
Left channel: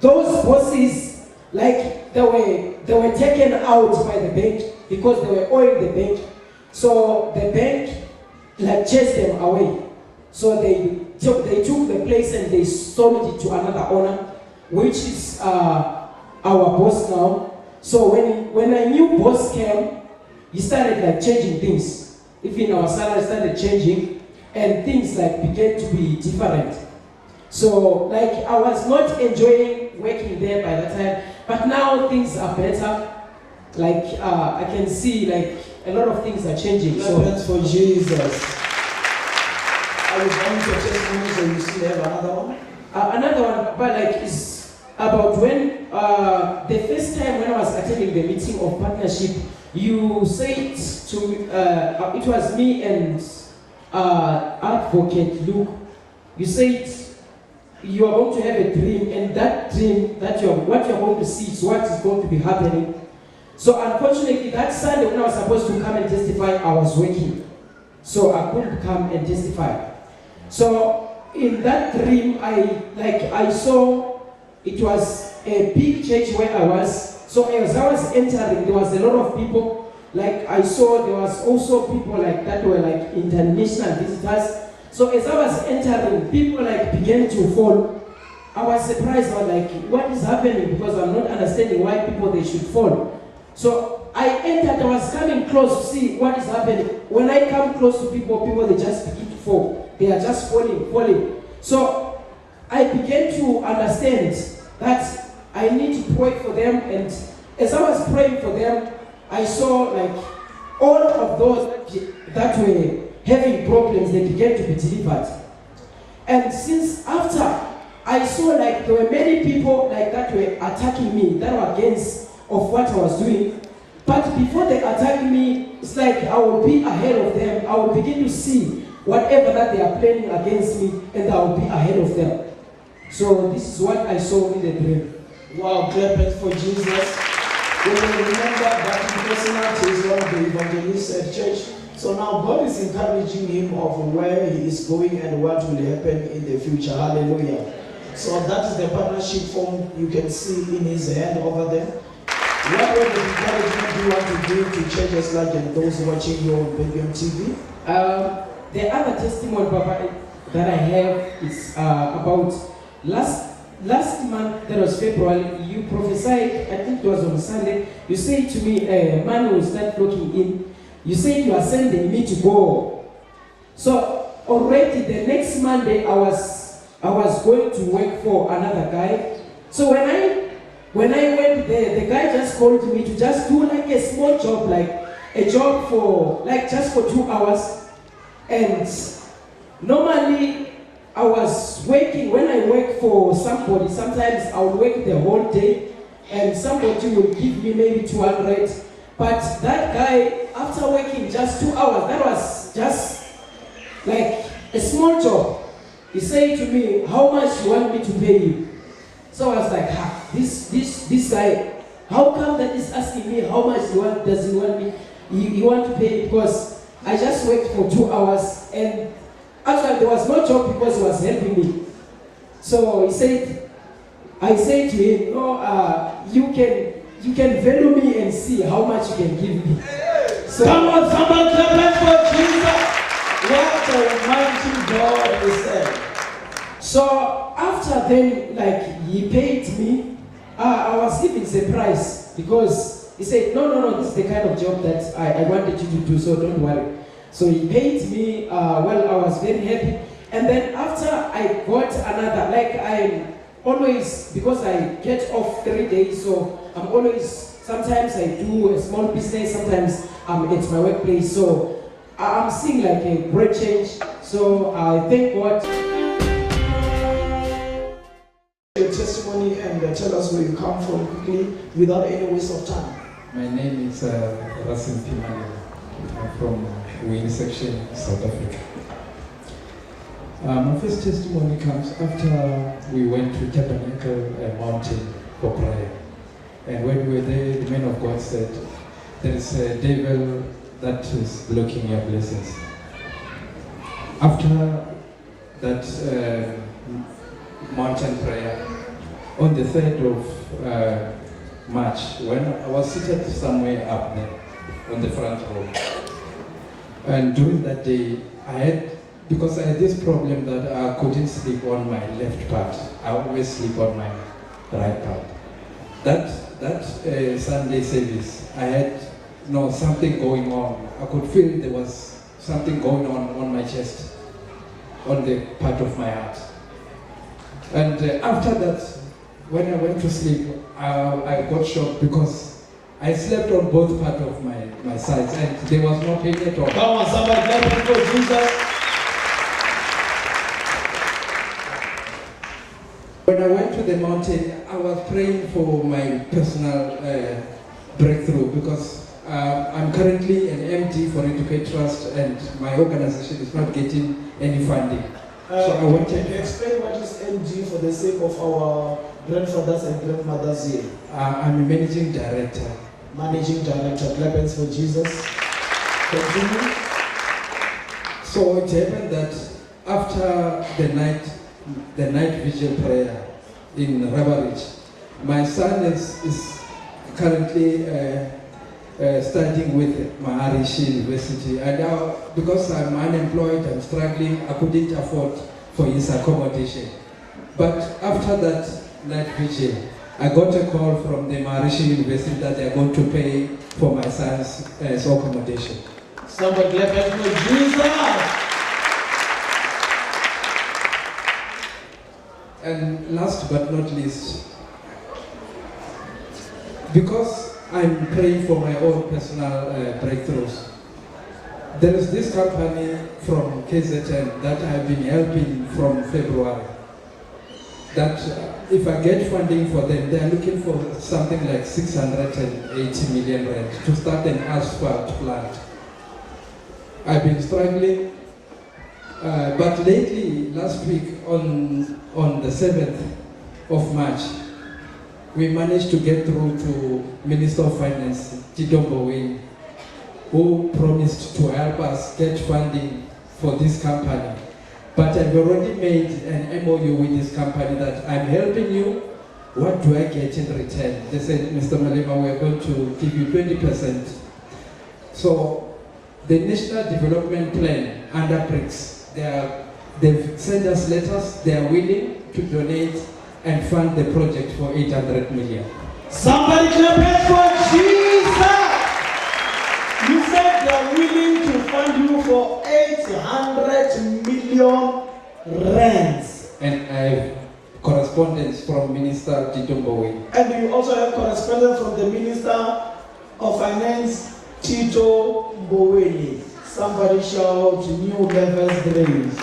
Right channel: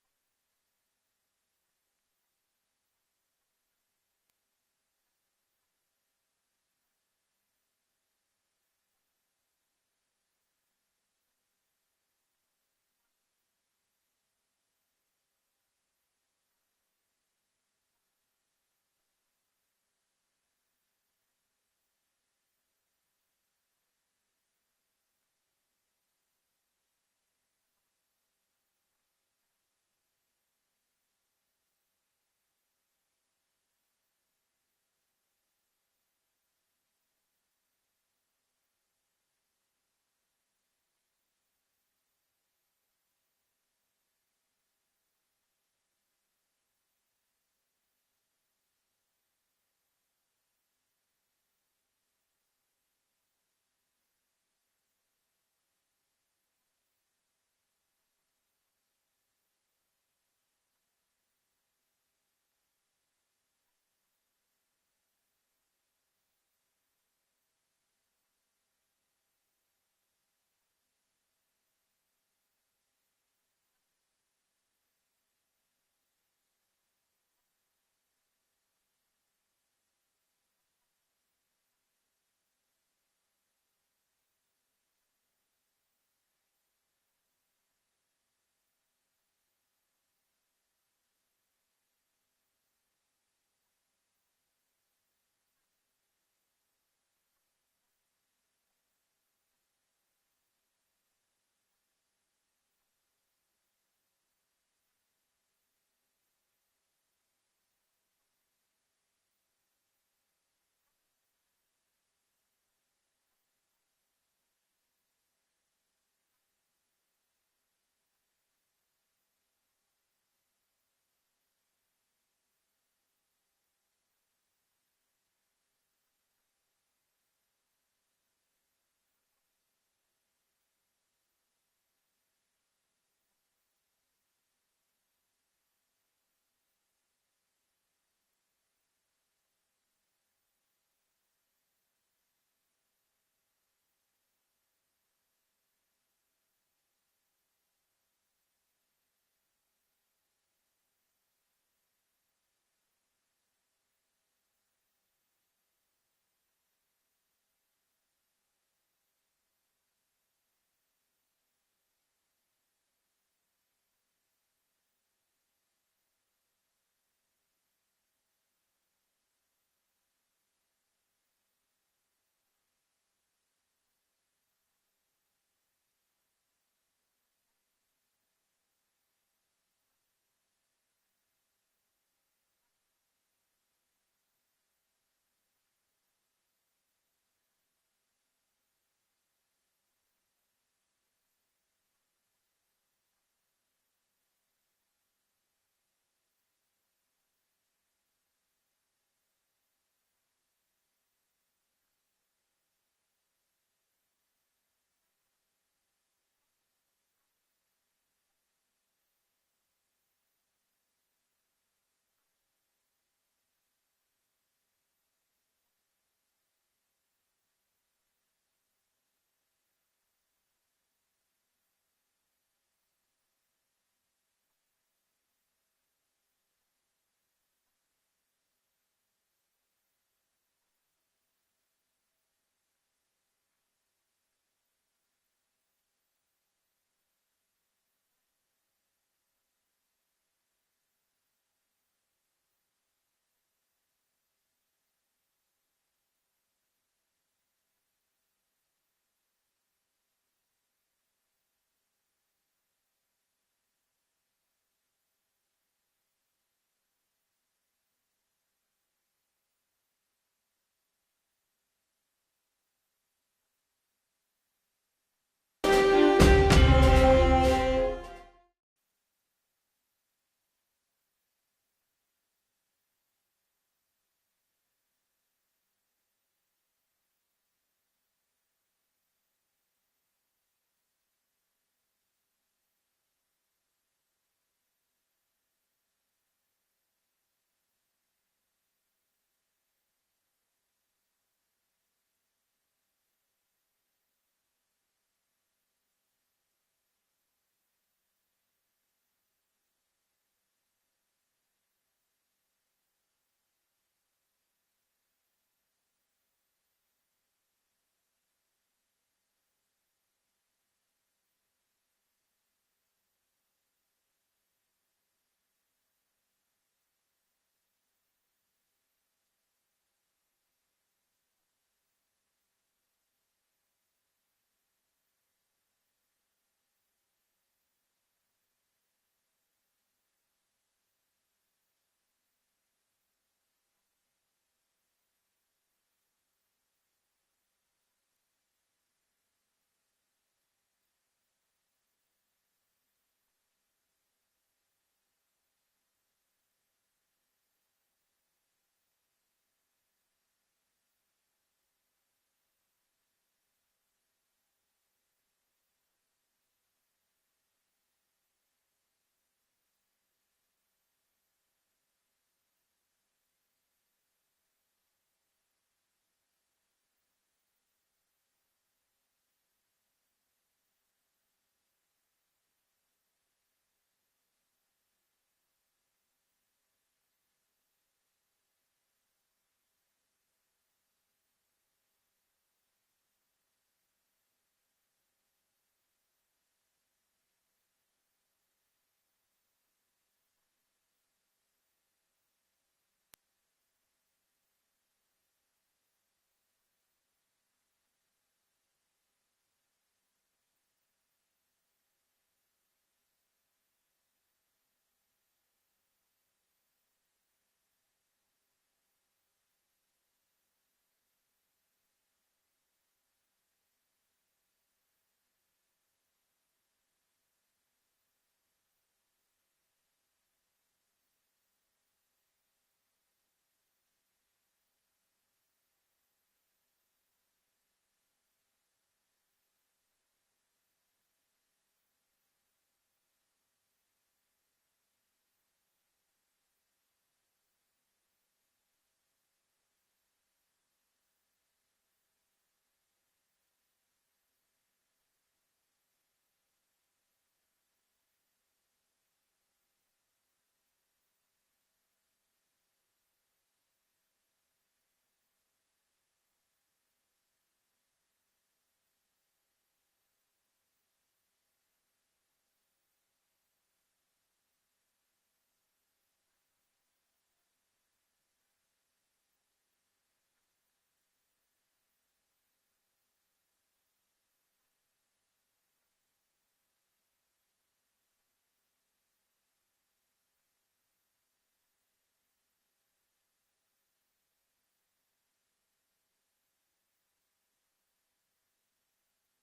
those bosses, like they were taken out by the bank because they were owing the bank. So the bank like chased them away. So they took the place and they sold it to another owner, which is our boss now. So when a new boss came, he started like changing things. Even our salary started changing, and things like began to be different. So like I was not enjoying working there by that time, but now things are better. Like I can see like a lot of things are changing. So Thanks for Jesus. Are you going to testimonies or you still have another one? Another one, but like is about when the first time when I was attending the meeting of partnership, you said to me, it was me and Advocate Luke. You said you are going to have a dream, and that dream that what you're going to see is what is going to be happening. So unfortunately, that Sunday when I was supposed to come and testify, I was working, so I couldn't come and testify. So in that dream, I saw it was a big church where I was. So as I was entering, there was a lot of people. Like I saw there was also people like that were like international visitors. So as I was entering, people like began to fall. I was surprised. I was like, what is happening? Because I'm not understanding why people they should fall. So I entered, I was coming close to see what is happening. When I come close to people they just begin to fall. They are just falling. So I began to understand that I need to pray for them, and as I was praying for them, I saw like all of those that were having problems, they began to be delivered. And since after, I saw like there were many people like that were attacking me, that were against of what I was doing. But before they attack me, it's like I will be ahead of them. I will begin to see whatever that they are planning against me, and I will be ahead of them. So this is what I saw in the dream. Wow, clap it for Jesus. We will remember that personality is one of the evangelists at church. So now God is encouraging him of where he is going and what will happen in the future. Hallelujah. So that is the partnership form you can see in his hand over there. What word of encouragement do you want to give to churches like and those watching you on Belgium TV? The other testimony, Papa, that I have is about last month, that was February, you prophesied, I think it was on Sunday, you said to me, man will start looking in. You said you are sending me to go. So already the next Monday, I was going to work for another guy. So when I went there, the guy just called me to just do like a small job, like a job for like just for 2 hours. And normally I was working, when I work for somebody, sometimes I would work the whole day and somebody would give me maybe 200. But that guy, after working just 2 hours, that was just like a small job. He said to me, how much you want me to pay you? So I was like, this guy, how come that is asking me how much does he want me? He want to pay, because I just worked for 2 hours, and actually there was no job because he was helping me. So he said, I said to him, no, you can value me and see how much you can give me. So, come on, someone clap for Jesus. What a mighty God is there. So after then, like he paid me, I was even surprised because he said, no, this is the kind of job that I wanted you to do, so don't worry. So he paid me, well, I was very happy. And then after I got another, like I'm always, because I get off 3 days, so I'm always, sometimes I do a small business, sometimes I'm at my workplace. So I'm seeing like a great change. So I thank God. Your testimony and Tell us where you come from quickly, without any waste of time. My name is Rasim Pimani. I'm from Wayne section, South Africa. My first testimony comes after we went to Tabernacle Mountain for prayer. And when we were there, the man of God said, there is a devil that is blocking your blessings. After that mountain prayer, on the 3rd of March, when I was seated somewhere up there on the front row, and during that day, because I had this problem that I couldn't sleep on my left part. I always sleep on my right part. That Sunday service, I had something going on. I could feel there was something going on my chest, on the part of my heart. And after that, when I went to sleep, I got shocked because I slept on both parts of my sides and there was no pain at all. Come on, somebody clap it for Jesus. When I went to the mountain, I was praying for my personal breakthrough because I'm currently an MD for Educate Trust and my organization is not getting any funding. So I wanted to explain what is MD for the sake of our grandfathers and grandmothers here. I'm a managing director. Managing director, clap hands for Jesus. Continue. So it happened that after the night vigil prayer in Rabarich, my son is currently studying with Maharishi University, and now because I'm unemployed, I'm struggling, I couldn't afford for his accommodation. But after that night vigil, I got a call from the Maharishi University that they're going to pay for my son's accommodation. Somebody clap hands for Jesus. And last but not least, because I'm praying for my own personal breakthroughs, there is this company from KZN that I've been helping from February. That if I get funding for them, they are looking for something like 680 million rand to start an asphalt plant. I've been struggling, but lately, last week on the 7th of March, we managed to get through to Minister of Finance, Tito Mboweni, who promised to help us get funding for this company. But I've already made an MOU with this company that I'm helping you. What do I get in return? They said, Mr. Malema, we're going to give you 20%. So the National Development Plan under BRICS, they've sent us letters, they are willing to donate and fund the project for 800 million. Somebody clap hands for Jesus! You said they are willing to fund you for 800 million rands. And I have correspondence from Minister Tito Mboweni. And you also have correspondence from the Minister of Finance, Tito Mboweni. Somebody shout, new levels grace.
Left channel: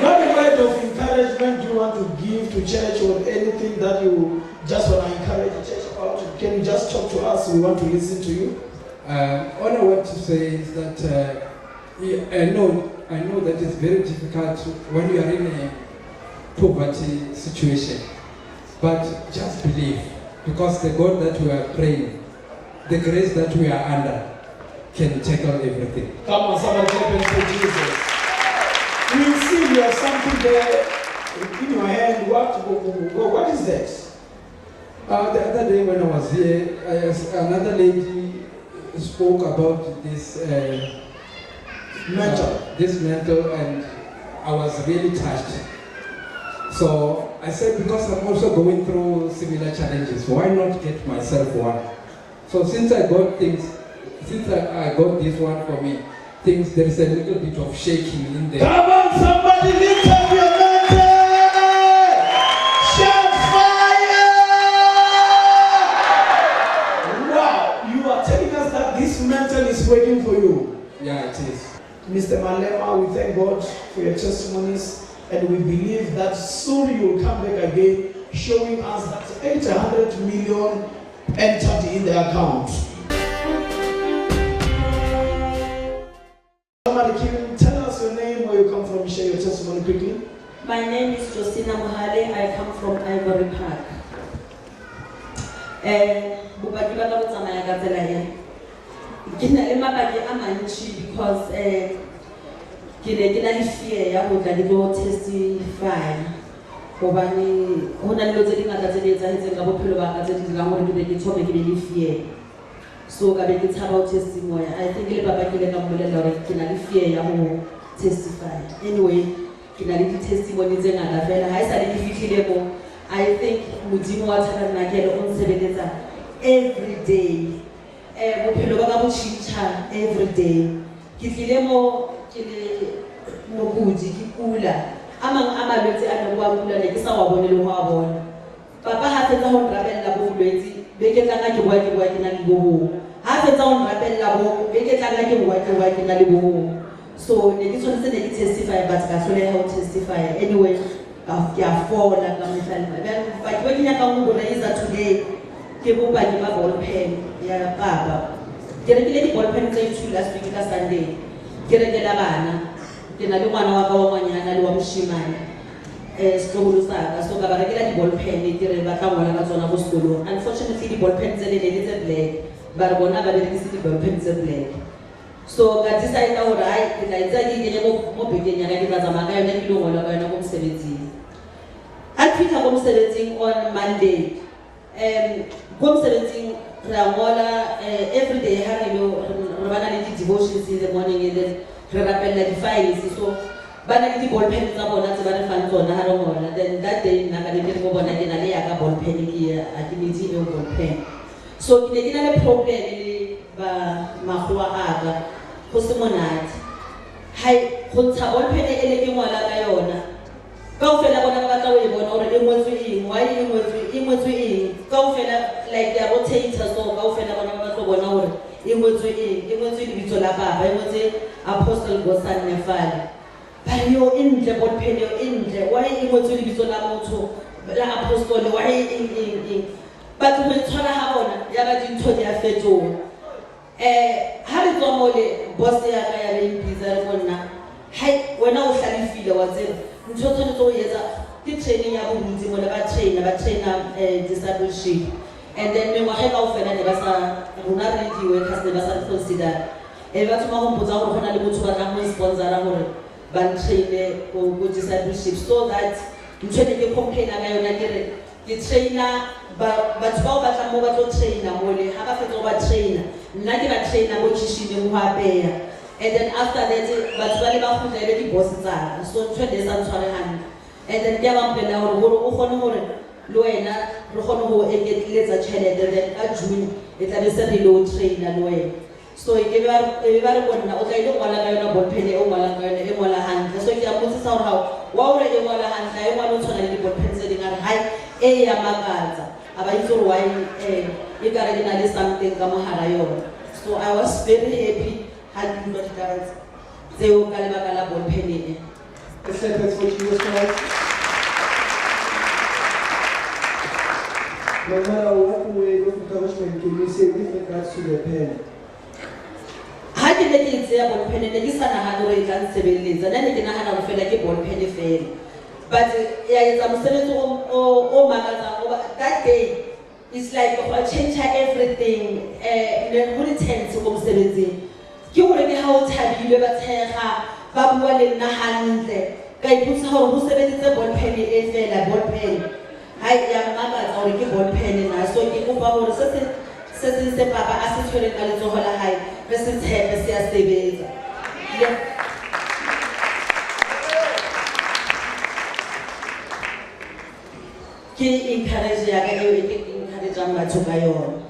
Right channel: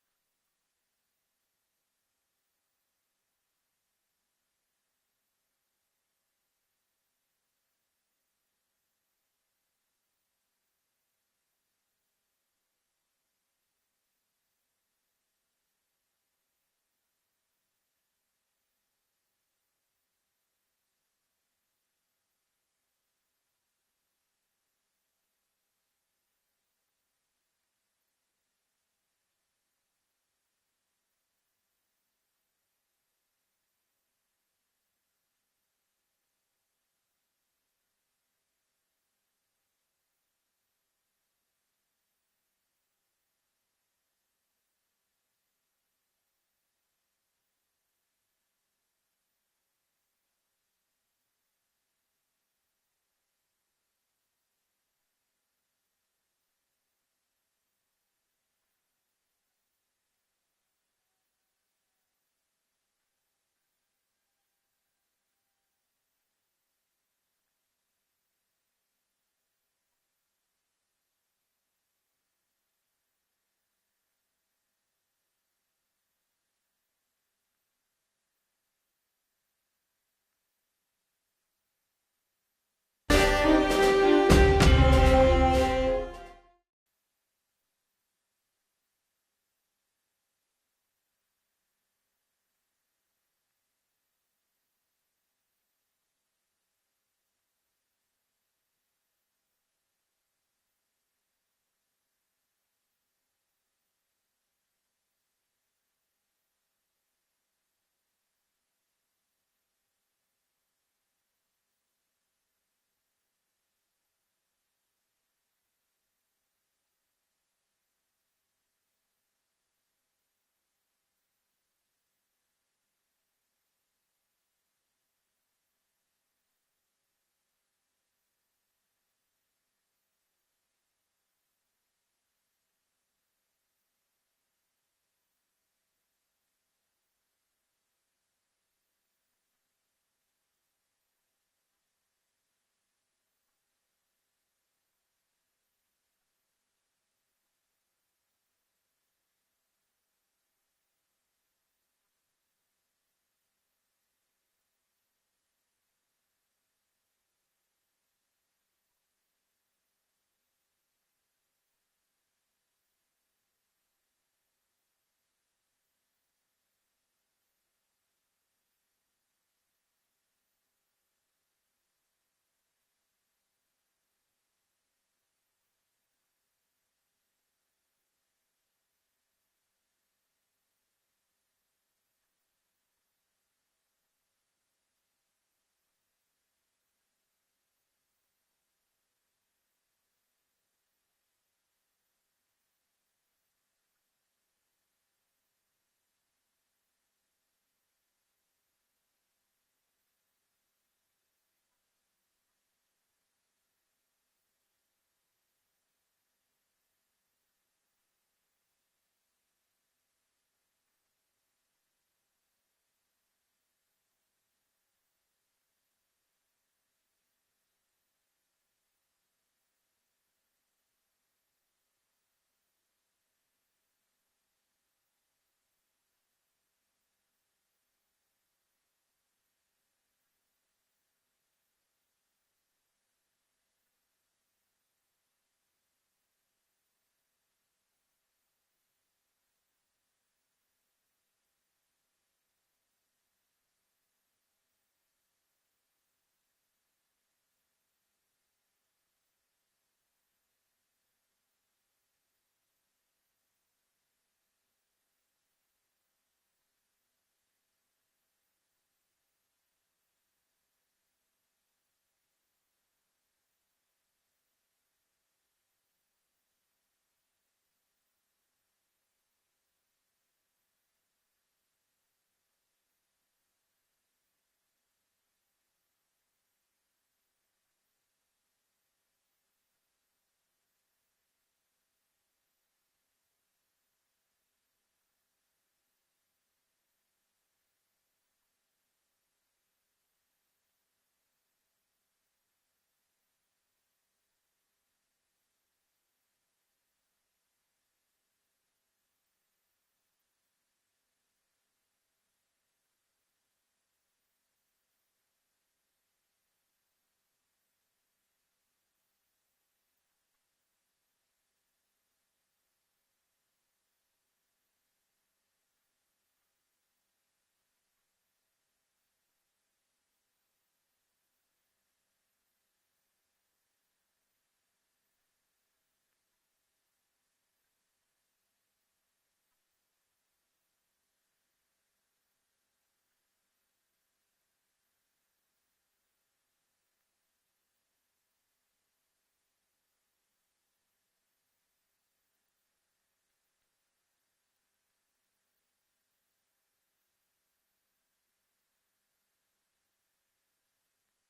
What word of encouragement do you want to give to church or anything that you just want to encourage the church about? Can you just talk to us? We want to listen to you. All I want to say is that I know that it's very difficult when you are in a poverty situation, but just believe, because the God that we are praying, the grace that we are under, can tackle everything. Come on, somebody clap hands for Jesus. We see you have something there in your hand. What is that? The other day when I was here, another lady spoke about this mantle, and I was really touched. So I said, because I'm also going through similar challenges, why not get myself one? So since I got this one for me, there is a little bit of shaking in there. Come on, somebody lift up your mantle! Shout fire! Wow, you are telling us that this mantle is waiting for you. Yeah, it is. Mr. Malema, we thank God for your testimonies, and we believe that soon you will come back again showing us that 800 million entered in the account. Somebody can tell us your name, where you come from, share your testimony quickly. My name is Bonhle. I come from Ivory Park. Bopaki ba ka bo tsamaya ka tsela e. Ke na le mabaki a mantši because ke ne ke na le fear ya go tla ke tlo testify. Hobane ho na le dilo tse dingata tse di etsahetseng ka bophelo ba ka tse di dirang gore ke be ke thome ke be le fear. So ka be ke tshaba ho testimony. I think le papa ke le ka mmolelela gore ke na le fear ya go testify. Anyway, ke na le di-testimony tse ngata fela. Ha e sa le ke fihlile mo, I think Modimo wa Tabernacle o nsebeletsa every day. Bophelo ba ka bo tjhentjha every day. Ke tlile mo ke le mokudi ke kula. A mang a malwetse a neng wa kula ne ke sa wa bone le ho a bona. Papa ha fetsa ho nrabella bo bolwetse, be ke tla ke bua ke na le bo. Ha fetsa ho nrabella bo, be ke tla ke bua ke na le bo. So ne ke tshwanetse ne ke testify but ka hloleha ho testify. Anyway, ke a fola ka mehla. Ba ke nyaka go raise today ke bo ba ke ba ball pen ya papa. Ke rekile di ball pen tse 2 last week ka Sunday. Ke rekela bana. Ke na le ngwana wa ka wa ngwanyana le wa moshimane. Sekolo sa ka so ka ba rekela di ball pen ke re ba tla ngwana ka tsona go sekolo. Unfortunately di ball pen tse le tse black. Ba re bona ba berekisa di ball pen tse black. So ka decide hore ai ke tla etsa ke kenye mo bekeng ya ka ke tla tsamaya ka yona ke lo ngola ka yona go mosebetsing. A fitla go mosebetsing on Monday. Go mosebetsing ra ngola every day ha re lo re bana le di-devotions in the morning and then re rapella di-files. So ba na le di-ball pen tsa bona tse ba re fang tsona ha re ngola. Then that day nna ka le ke mo bona ke na le ya ka ball pen ke a ke netse e ball pen. So ke ne ke na le problem le ba magwa a ka go se monate. Hai go ntsha ball pen e le ke ngola ka yona. Kaofela bona ba tla o e bona hore e ngotswe eng, why e ngotswe eng. Kaofela like ya rotator so kaofela bona ba tlo bona hore e ngotswe eng, e ngotswe lebitso la baba, e ngotswe Apostle Godson Nefale. Ba yo entle ball pen yo entle, why e ngotswe lebitso la motho la Apostle, why eng. But go itshwara ha bona ya ba dintho di a fetoha. Ha re tswa mo le boss ya ka ya re impisa re bona hai wena o hlalefile wa tsena ntho tshwanetse o etsa ke training ya bontsi mo le ba trainer discipleship and then mengwaga kaofela ne ba sa rona re di workers ne ba sa consider ba thoma go mpotsa gore go na le motho ba tla mo sponsora gore ba traine go discipleship so that ntho ne ke complaina ka yona ke re ke trainer batho bao ba tla mo ba tlo traina mo le ha ba fetsa go ba trainer nna ke ba trainer mo kitchen mo apeya. And then after that, but ba le ba go tlele di boss tsa so ntwe le sa tshware hantle. And then ke ba mpela gore o gone gore le wena re gone go eketletsa tšhelete then ka June e tla be se re lo trainer le wena. So ke ba re bona o tla ile go la ka yona ball pen e o ngala ka yona e ngola hantle. So ke a botsisa gore ha wa o re e ngola hantle e ngwana o tshwana le di ball pen tse dingare hai e ya makatsa aba itse gore why e ka re dina le something ka mohara yona. So I was very happy. Had you not done they will Kalabala ball penny. Let's say that's what Jesus Christ. No matter what way of encouragement can you say with regards to the pen? How can they say ball penny? They just had a way than 7 days, and then they can have a feel like a ball penny fail. But yeah, I'm saying oh that day it's like change everything. Who returns to home 17. Ke gore ke ha o thabile ba tshega ba bua le nna hantle ka iputsa gore go sebeditse ball pen e fela ball pen hai ya mmakatsa gore ke ball pen na so ke kopa gore se papa a se tshwere ka letsogo la hae re se tshepe se a sebetsa ke encourage ya ka eo ke encourage batho ka yona.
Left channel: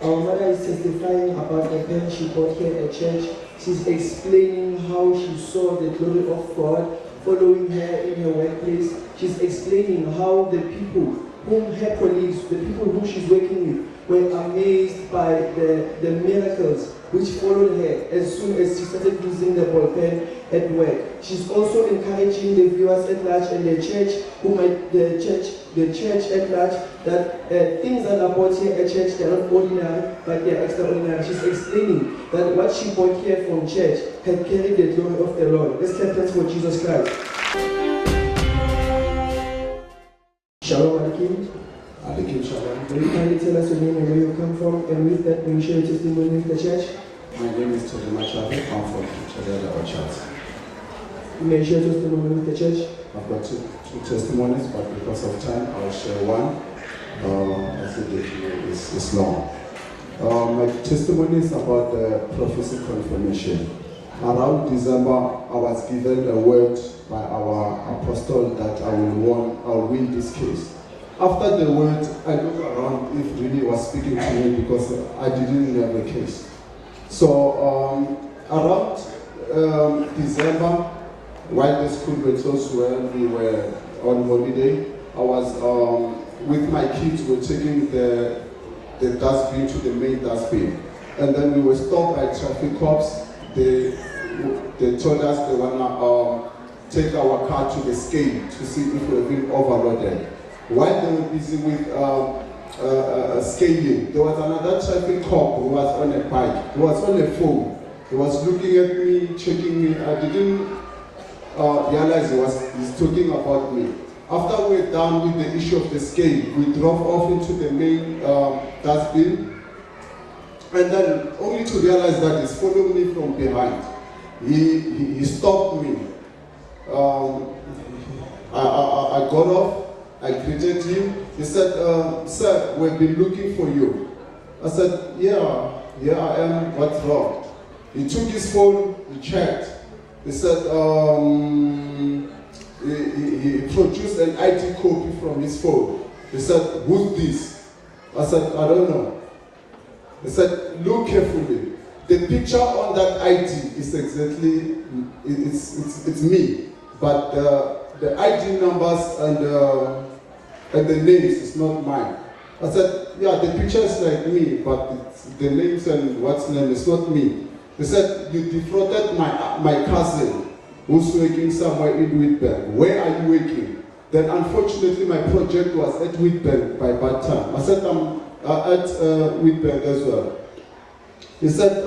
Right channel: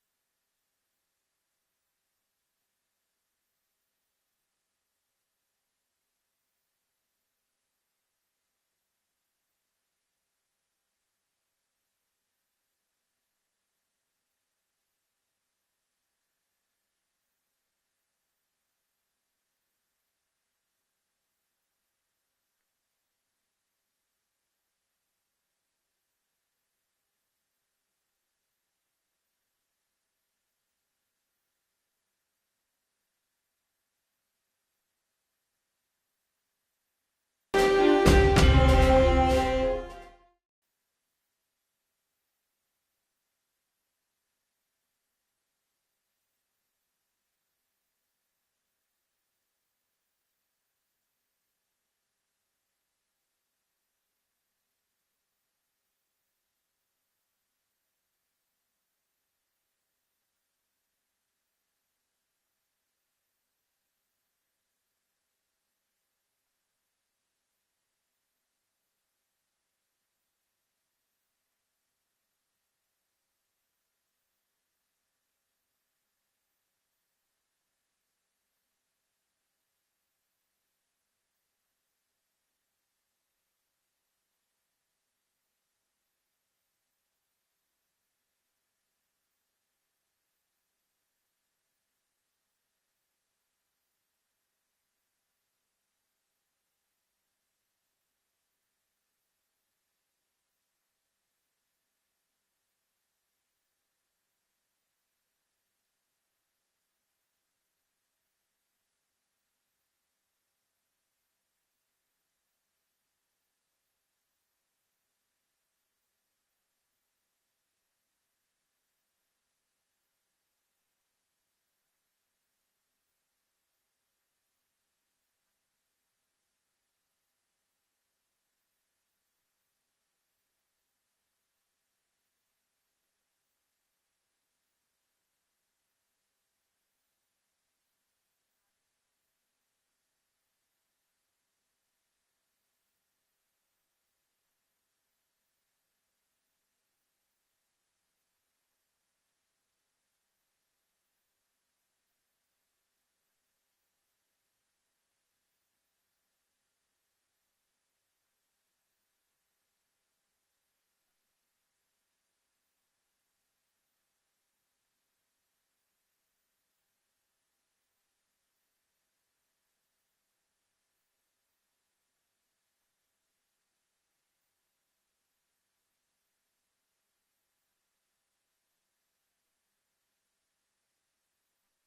Our mother is testifying about the pen she bought here at church. She's explaining how she saw the glory of God following her in her workplace. She's explaining how the people whom her colleagues, the people whom she's working with, were amazed by the miracles which followed her as soon as she started using the ball pen at work. She's also encouraging the viewers at large and the church, the church at large, that things that are bought here at church, they're not ordinary, but they're extraordinary. She's explaining that what she bought here from church had carried the glory of the Lord. Let's clap hands for Jesus Christ. Shalom, Alikim. Alikim Shalom. Will you kindly tell us your name and where you come from, and with that, will you share your testimony with the church? My name is Machavi. I'm from Untitled Chapter. You may share your testimony with the church. I've got two testimonies, but because of time, I'll share one. I think it's long. My testimony is about the prophecy confirmation. Around December, I was given a word by our apostle that I'll win this case. After the word, I looked around if really was speaking to me because I didn't have a case. So around December, while the school were closed, when we were on holiday, I was with my kids. We're taking the dustbin to the main dustbin, and then we were stopped by traffic cops. They told us they wanna take our car to the scale to see if we're being overloaded. While they were busy with scaling, there was another traffic cop who was on a bike. He was on a phone. He was looking at me, checking me. I didn't realize he's talking about me. After we're done with the issue of the scale, we drove off into the main dustbin, and then only to realize that he's following me from behind. He stopped me. I got off. I greeted him. He said, "Sir, we've been looking for you." I said, yeah, I am. What's wrong? He took his phone, he checked. He said, he produced an ID copy from his phone. He said, "Who's this?" I said, "I don't know." He said, "Look carefully. The picture on that ID is exactly, it's me. But the ID numbers and the names is not mine." I said, "Yeah, the picture is like me, but the names and what's name is not me." He said, "You defrauded my cousin who's working somewhere in Witbank. Where are you working?" Then unfortunately my project was at Witbank by that time. I said, "I'm at Witbank as well." He said,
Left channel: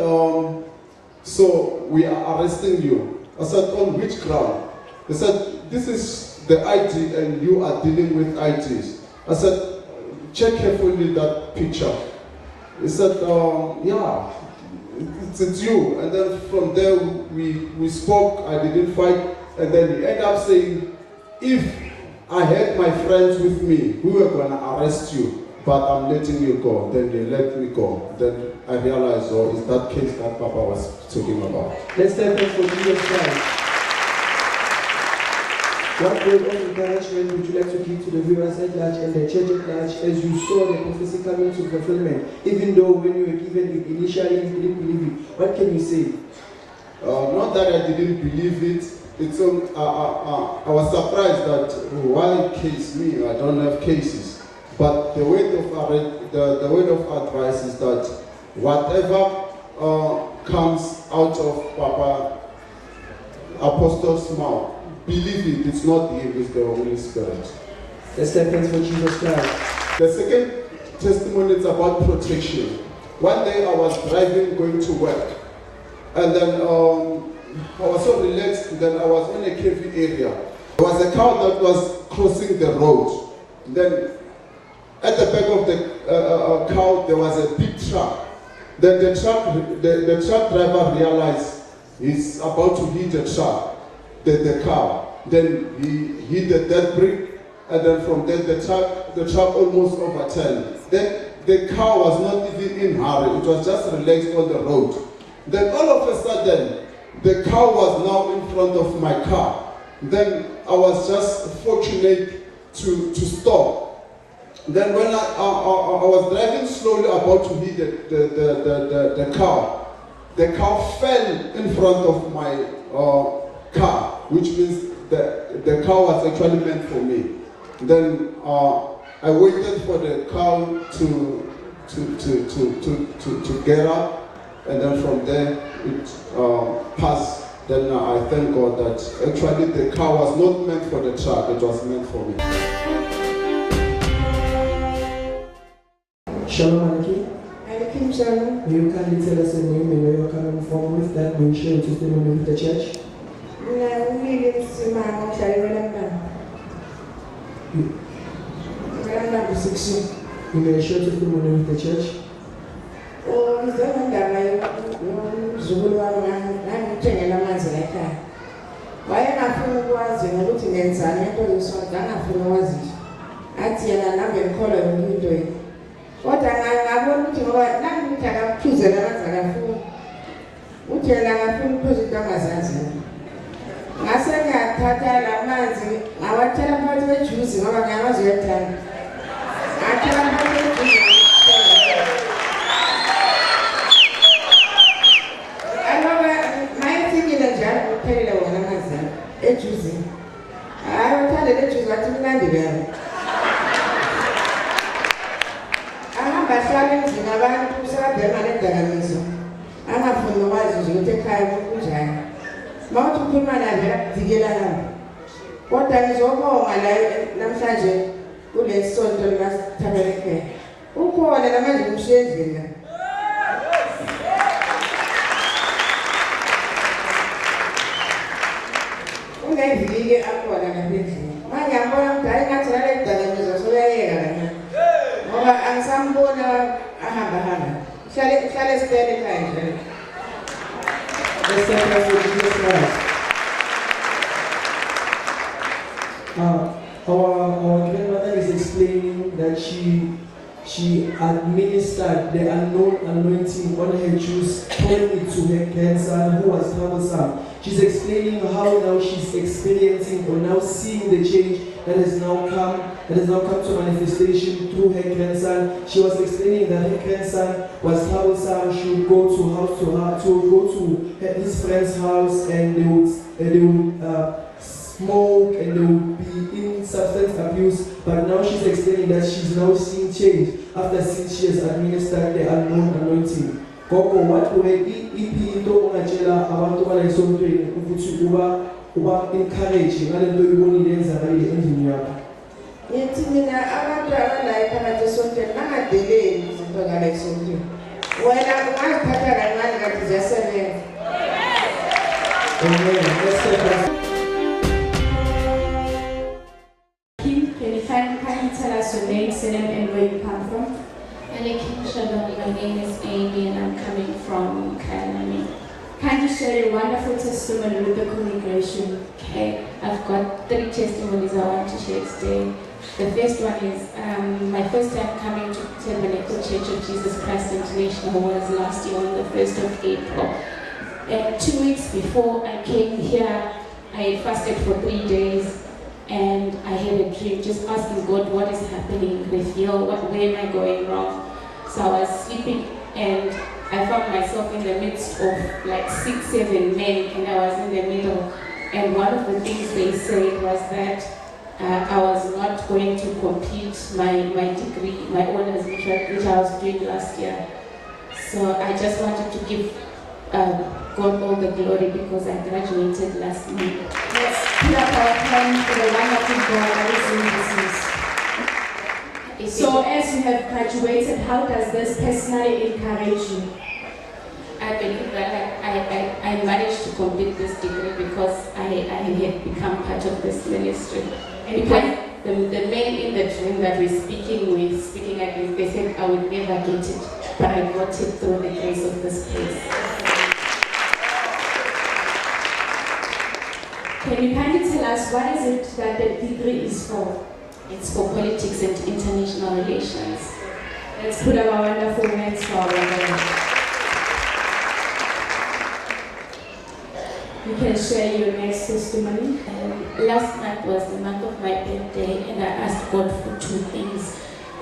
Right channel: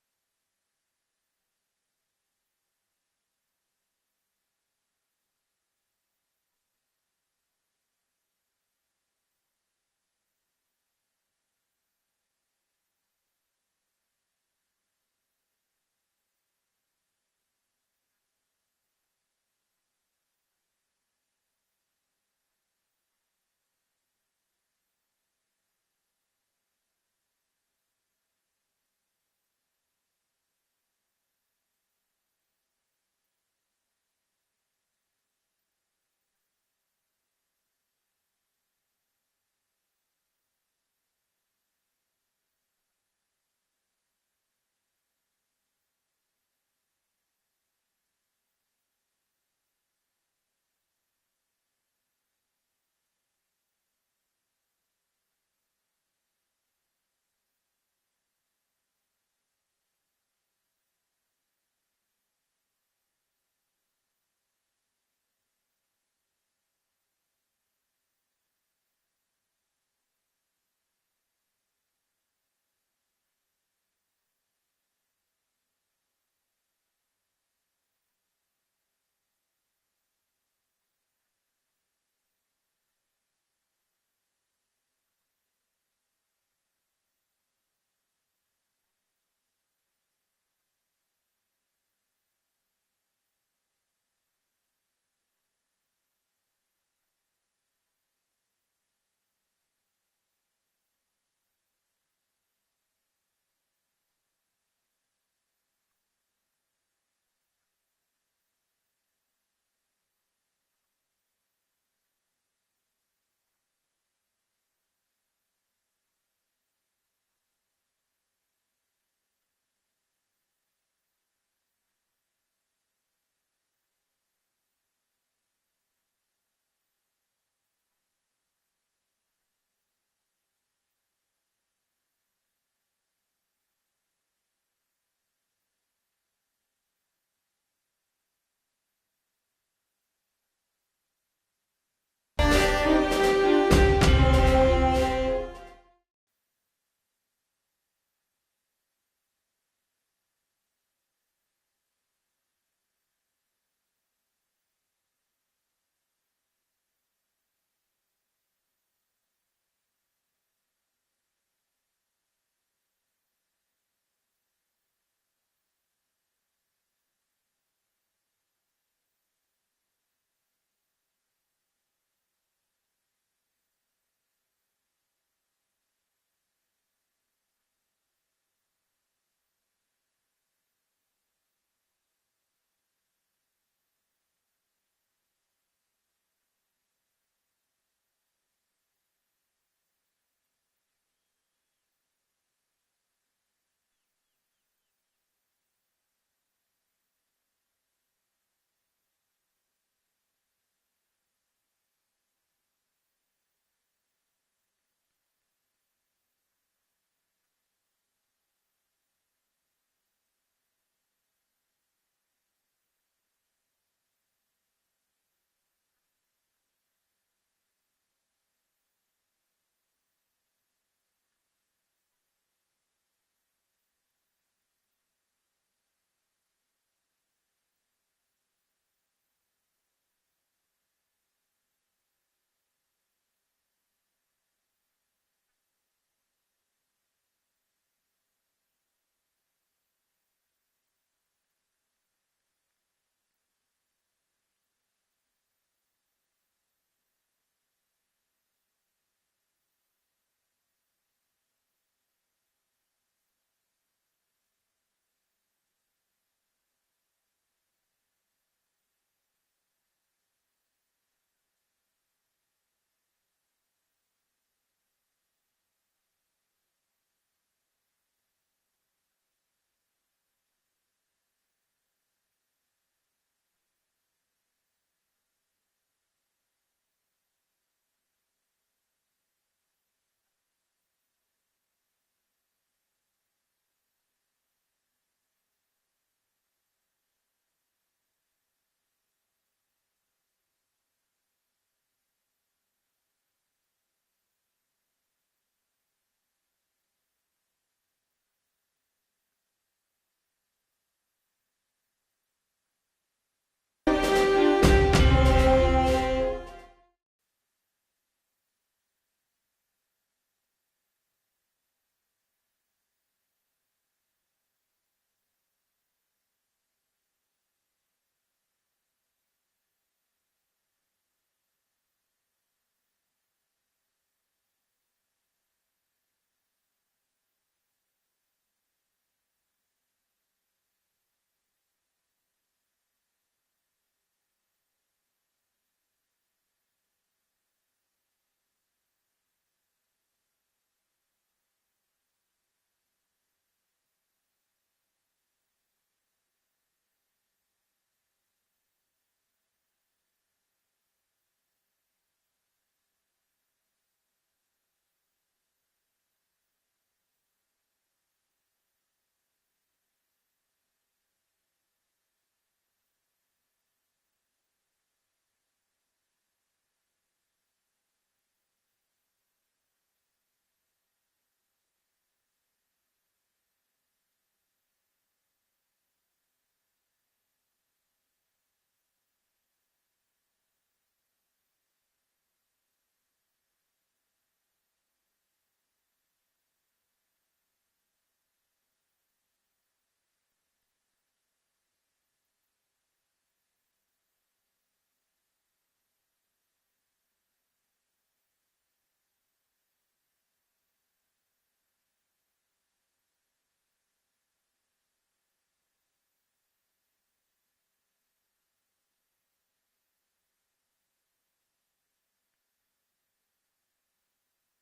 "So we are arresting you." I said, "On which ground?" He said, "This is the ID and you are dealing with IDs." I said, "Check carefully that picture." He said, "Yeah, it's you." And then from there we spoke. I didn't fight. And then he ended up saying, "If I had my friends with me, we were going to arrest you, but I'm letting you go." Then they let me go. Then I realized, oh, it's that case that Papa was talking about. Let's thank God for Jesus Christ. What word of encouragement would you like to give to the viewers at large and the church at large as you saw the prophecy coming to fulfillment? Even though when you were given it initially you didn't believe it, what can you say? Not that I didn't believe it. It's I was surprised that why case me? I don't have cases. But the word of advice is that whatever comes out of Papa Apostle's mouth, believe it. It's not him, it's the Holy Spirit. Let's thank God for Jesus Christ. The second testimony is about protection. One day I was driving, going to work, and then I was so relaxed. Then I was in a cavey area. There was a car that was crossing the road. Then at the back of the car there was a big truck. Then the truck driver realized he's about to hit the car. Then he hit the dead brake, and then from there the truck almost overturned. Then the car was not even in a hurry, it was just relaxed on the road. Then all of a sudden, the car was now in front of my car. Then I was just fortunate to stop. Then when I was driving slowly about to hit the car fell in front of my car, which means the car was actually meant for me. Then I waited for the cow to get up, and then from there it passed. Then I thank God that actually the car was not meant for the truck, it was meant for me. Shalom, Anaki. Alaikum shalom. Will you kindly tell us your name and where you're coming from with that? Will you share your testimony with the church? You may share your testimony with the church. Wayengafuna ukwazi ngokuthi ngenzani ngento lesonto angafuna ukwazi athi yena nami ngikholwa yonke into yini kodwa ngabona ukuthi ngoba nangithi akaphuzela amanzi akafuni uthi yena akafuna ukuphuza into angazazi ngase ngiyathatha la manzi ngawathela phakathi kwejuice ngoba ngiyamazi uyathanda ngathela phakathi kwejuice ejuice. Hayi uthande le juice wathi mnandi bani. Ahamba hlala emzini abantu sebabhema nedakamizwa. Angafuni ukwazi nje ukuthi ekhaya kunjani. Mawuthi ukhuluma naye vele akudikela lapho. Kodwa ngizobonga la namhlanje kule sonto likaTabernacle. Ukhona namanje umshiye endlini la. Ungevike akhona ngaphendlini. Manje ngiyabona ukuthi hayi ngathi nale dakamizwa soyayeka la. Ngoba angisambona ahamba. Hlale esitele ekhaya nje. Let's thank God for Jesus Christ. Our grandmother is explaining that she administered the unknown anointing on her juice, pouring it to her grandson who was troublesome. She's explaining how now she's experiencing or now seeing the change that has now come to manifestation through her grandson. She was explaining that her grandson was troublesome. She would go to his friend's house and they would smoke and they would be in substance abuse. But now she's explaining that she's now seeing change after since she has administered the unknown anointing. Koko what we into ungachela abantu balayisontweni ukuthi uba encourage ngalento uyibonile enzakale endlini yakho. Yithi mina abantu abalayo phakathi esontweni bangadeleli izinto ngale esontweni. Wena ungaziphatha kancane kanti ziyasebenza. Amen. Can you kindly tell us your name, surname, and where you come from? Alaikum shalom, my name is Amy and I'm coming from Kailami. Can you share your wonderful testimony with the congregation? Okay, I've got 3 testimonies I want to share today. The first one is my first time coming to Testimonies Church of Jesus Christ International was last year on the 1st of April. And 2 weeks before I came here, I had fasted for 3 days. And I had a dream just asking God, what is happening with you? Where am I going wrong? So I was sleeping and I found myself in the midst of like 6, 7 men and I was in the middle. And one of the things they said was that I was not going to complete my degree, my honors, which I was doing last year. So I just wanted to give God all the glory because I graduated last month. Let's put up our hands for the wonderful God that is in business. So as you have graduated, how does this personally encourage you? I believe that I managed to complete this degree because I had become part of this ministry. And because the men in the dream that we're speaking against, they said I would never get it, but I got it through the grace of this place. Can you kindly tell us what is it that the degree is for? It's for politics and international relations. Let's put up our wonderful hands for our brother. You can share your next testimony. Last month was the month of my birthday and I asked God for 2 things.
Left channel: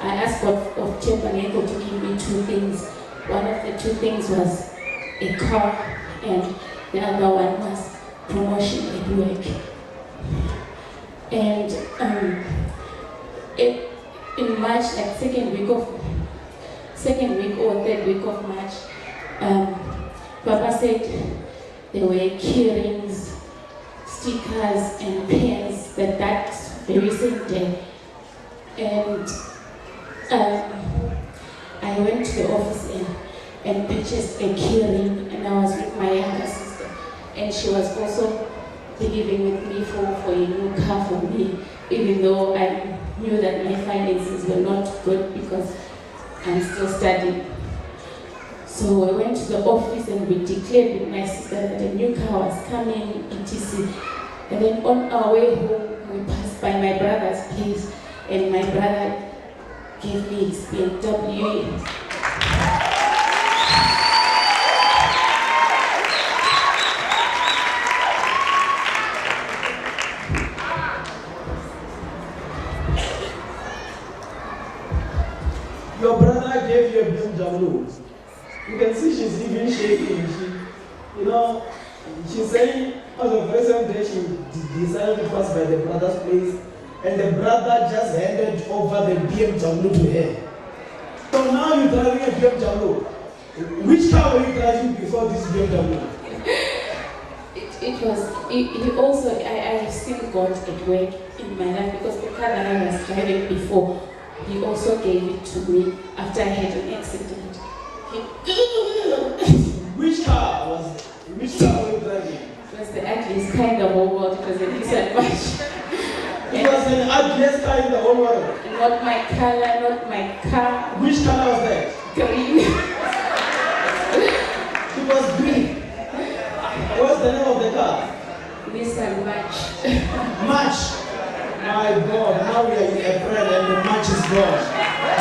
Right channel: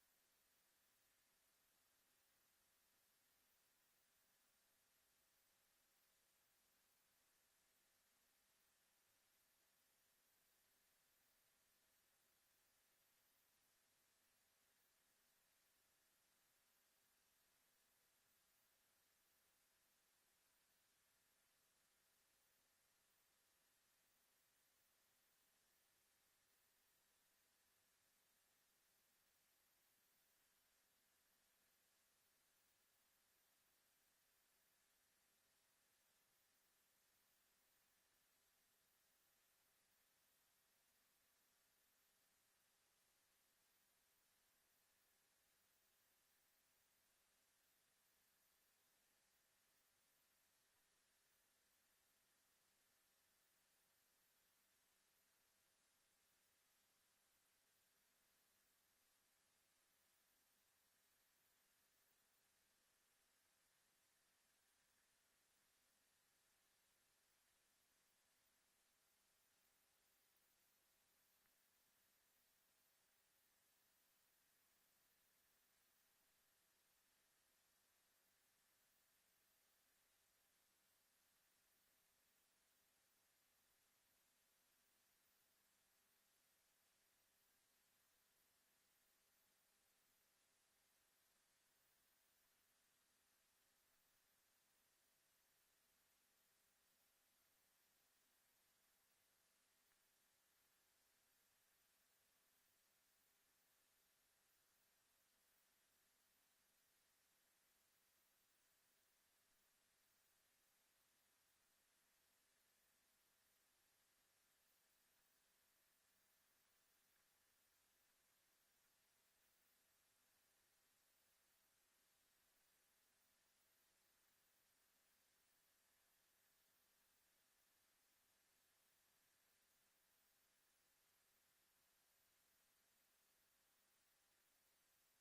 I asked God of Testimonies to give me 2 things. One of the 2 things was a car and the other one was promotion at work. And in March, like second week or third week of March, Papa said there were key rings, stickers, and pens that very same day. And I went to the office and purchased a key ring, and I was with my younger sister, and she was also believing with me for a new car for me, even though I knew that my finances were not good because I'm still studying. So I went to the office and we declared with my sister that a new car was coming, etc. And then on our way home, we passed by my brother's place, and my brother gave me his BMW. Your brother gave you a BMW. You can see she's even shaking. She's saying on the very same day she decided to pass by the brother's place, and the brother just handed over the BMW to her. So now you're driving a BMW. Which car were you driving before this BMW? I've seen God at work in my life, because the car that I was driving before, He also gave it to me after I had an accident. Which car were you driving? It was the ugliest car in the whole world. It was a Nissan March. It was the ugliest car in the whole world. Not my color, not my car. Which color was that? Green. It was green. What's the name of the car? Nissan March. March. My God, now we are in April and the match is gone.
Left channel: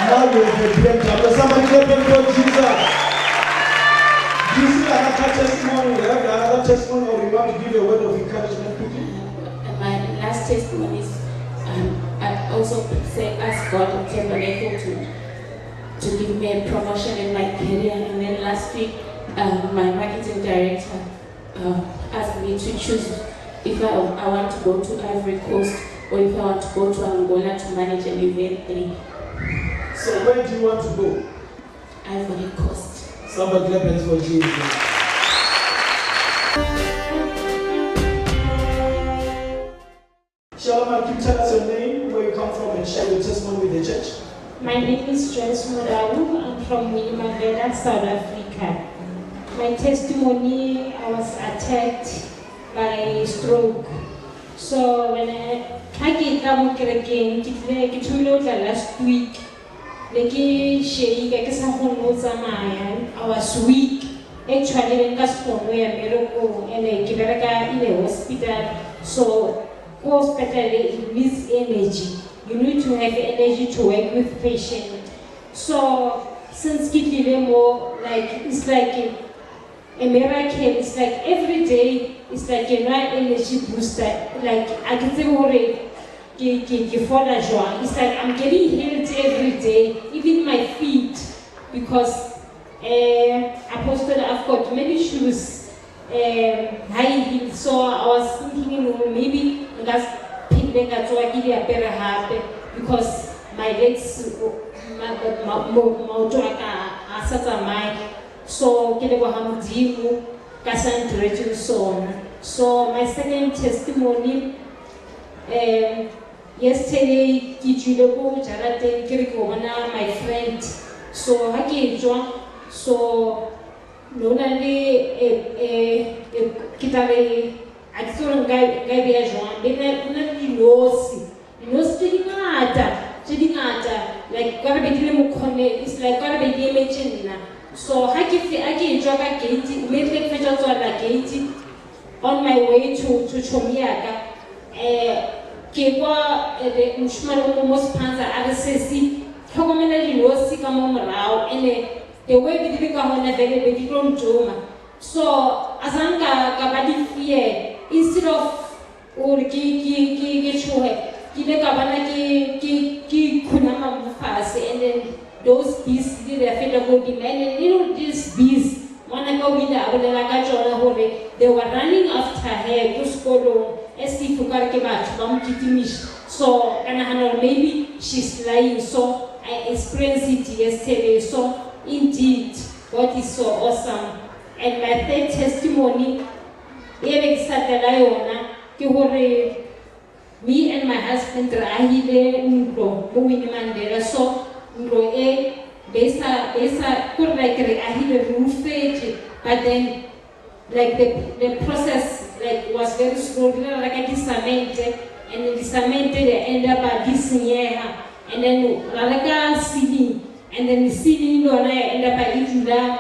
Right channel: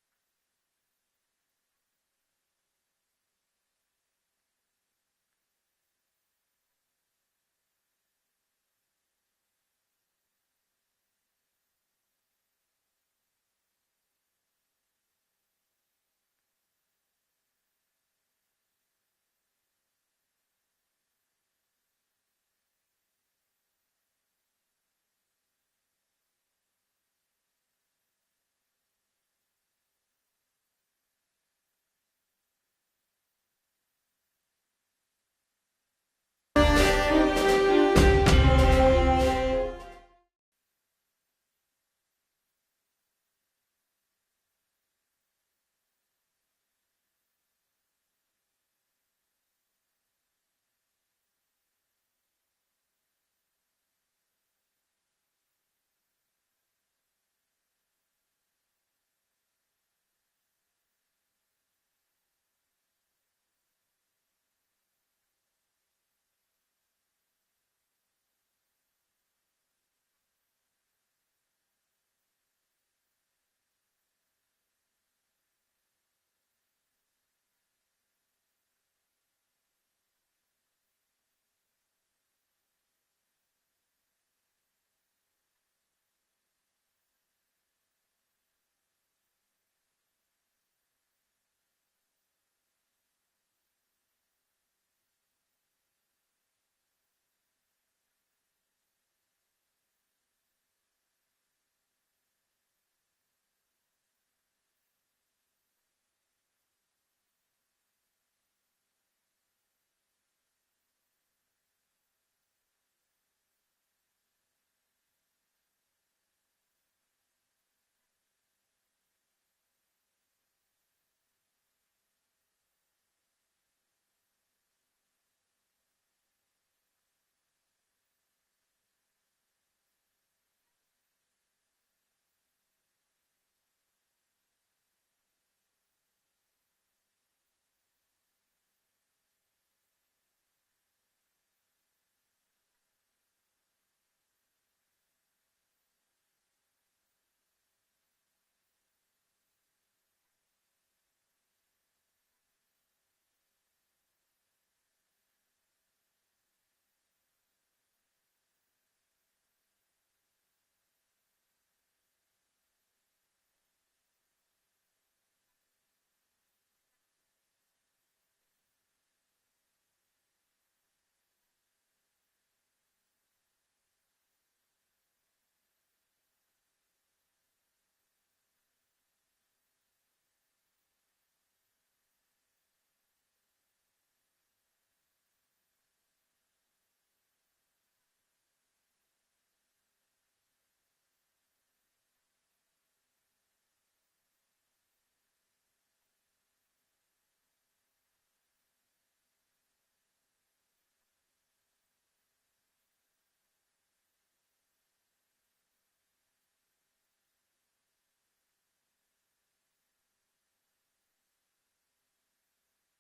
Now we have a BMW. Somebody clap and go, Jesus. Do you see another testimony? We have another testimony, or you want to give a word of encouragement to you? My last testimony is, I also asked God in Tabernacle to give me a promotion in my career. And then last week, my marketing director asked me to choose if I want to go to Ivory Coast or if I want to go to Angola to manage an event there. So where do you want to go? Ivory Coast. Somebody clap hands for Jesus. Shalom, can you tell us your name, where you come from, and share your testimony with the church? My name is Joyce Murawu. I'm from Wilimavela, South Africa. My testimony, I was attacked by stroke. So when I came again, last week, I was weak. Actually, when I was in the hospital, so hospital it needs energy. You need to have energy to work with patients. So since it's like a miracle. It's like every day, it's like a night energy booster. Like I can say it's like I'm getting healed every day, even my feet, because Apostle, I've got many shoes, high heels. So I was thinking, maybe that's because my legs, so so my second testimony, yesterday my friend, so so like it's like so I gate on my way to Chomiaka. The way we did so as I'm fear, instead of and then those bees did a go demand, and these bees, they were running after her to school as if if o ka re ke batho ba mo kitimisha. So and I know maybe she's lying. So I experienced it yesterday. So indeed, God is so awesome. And my third testimony, me and my husband rahile ntlo mo Winnie so ntlo besa kore like re ahile rufete, but then like the process like was very slow like a disamente, and the disamente they end up at this year, and then like ceiling, and then the ceiling no end up at it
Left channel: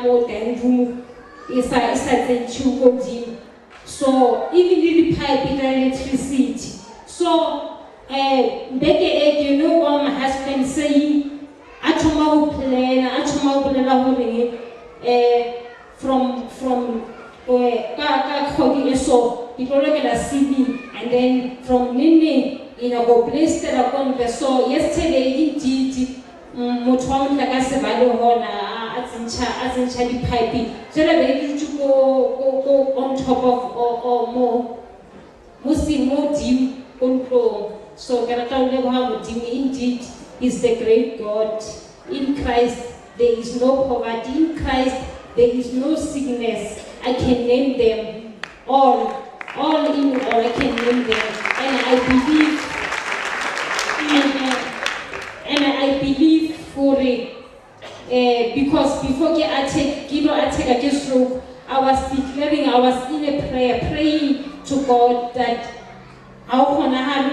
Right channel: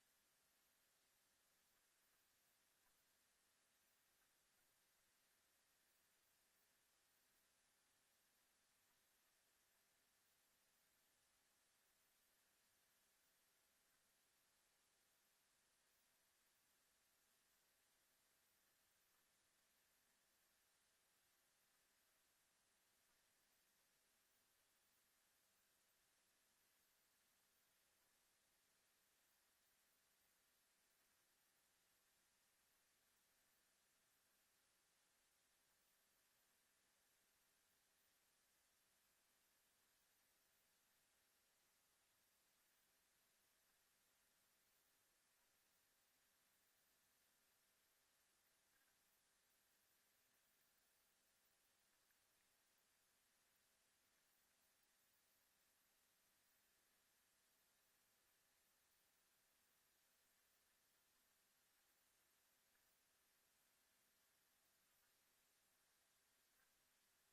more than room is a chuko gym. So even the pipe in electricity. So Becky, you know what my husband saying, Atoma plan from Kaka so people look at a CD, and then from Nini in a go place that I got the so yesterday indeed Motwam Lagasebalo Hona as in Charlie piping. So that they to go on top of or more more deep control. So indeed is the great God. In Christ there is no poverty. In Christ there is no sickness. I can name them all in all. I can name them, and I believe, and I believe for it. Because before I take a stroke, I was declaring, I was in a prayer, praying to God that how can I have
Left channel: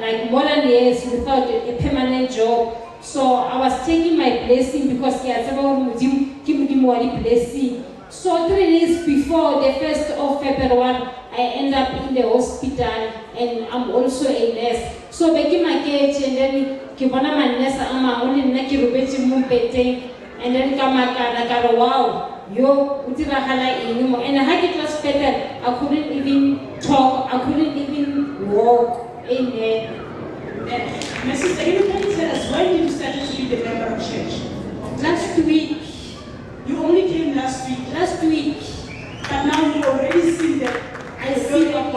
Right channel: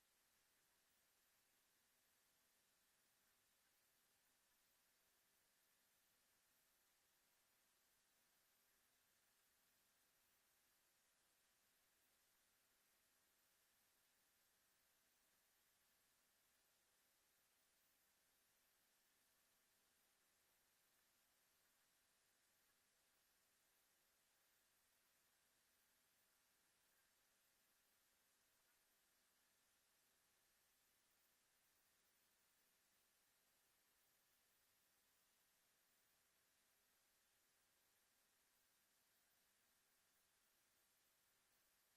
like more than years without a permanent job. So I was taking my blessing because give me more blessing. So 3 days before the 1st of February, I end up in the hospital, and I'm also a nurse. So back my cage, and then Kibana my nurse, I'm only Naki Rubeti Mumpete, and then Kamakara, wow, yo, Utirahala anymore. And I had it was better. I couldn't even talk, I couldn't even walk. Amen. My sister, can you tell us why did you start to be the member of church? Last week. You only came last week. Last week. But now you already see the glory of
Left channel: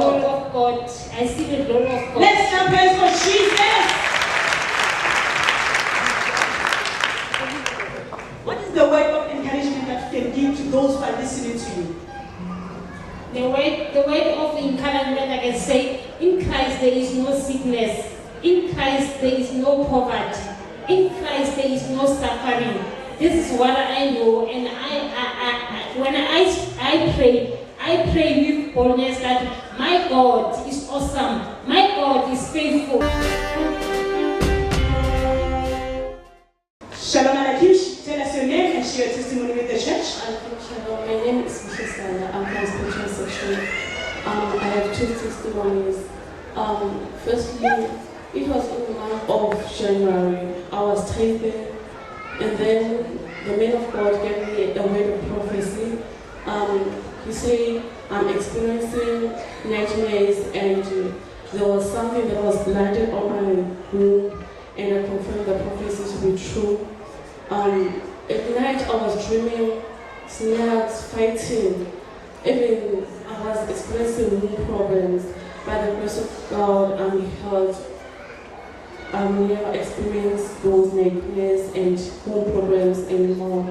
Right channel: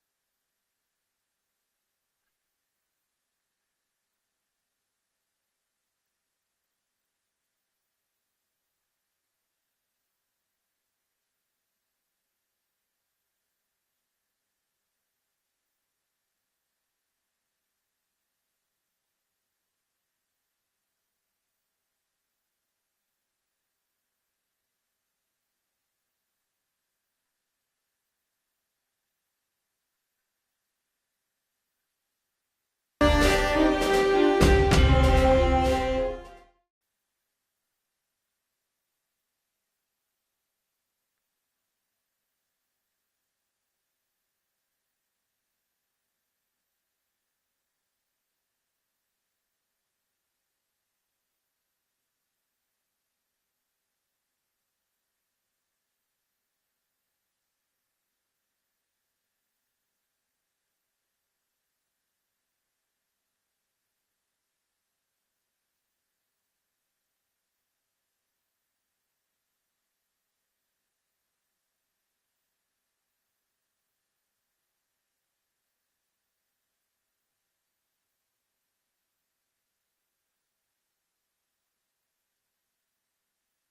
God. I see the glory of God. Let's clap hands for Jesus. What is the word of encouragement that you can give to those who are listening to you? The word of encouragement, I can say, in Christ there is no sickness. In Christ there is no poverty. In Christ there is no suffering. This is what I know, and when I pray with boldness that my God is awesome, my God is faithful. Shalom Alakish, tell us your name and share your testimony with the church. Shalom, my name is Machavi. I'm from spiritual section. I have 2 testimonies. Firstly, it was in the month of January. I was tithing. And then the man of God gave me a word of prophecy. He said, I'm experiencing nightmares, and there was something that was blinded on my room, and I confirmed the prophecy to be true. At night I was dreaming snakes fighting. Even I was experiencing room problems. By the grace of God, I'm healed. I never experienced those nightmares and home problems anymore.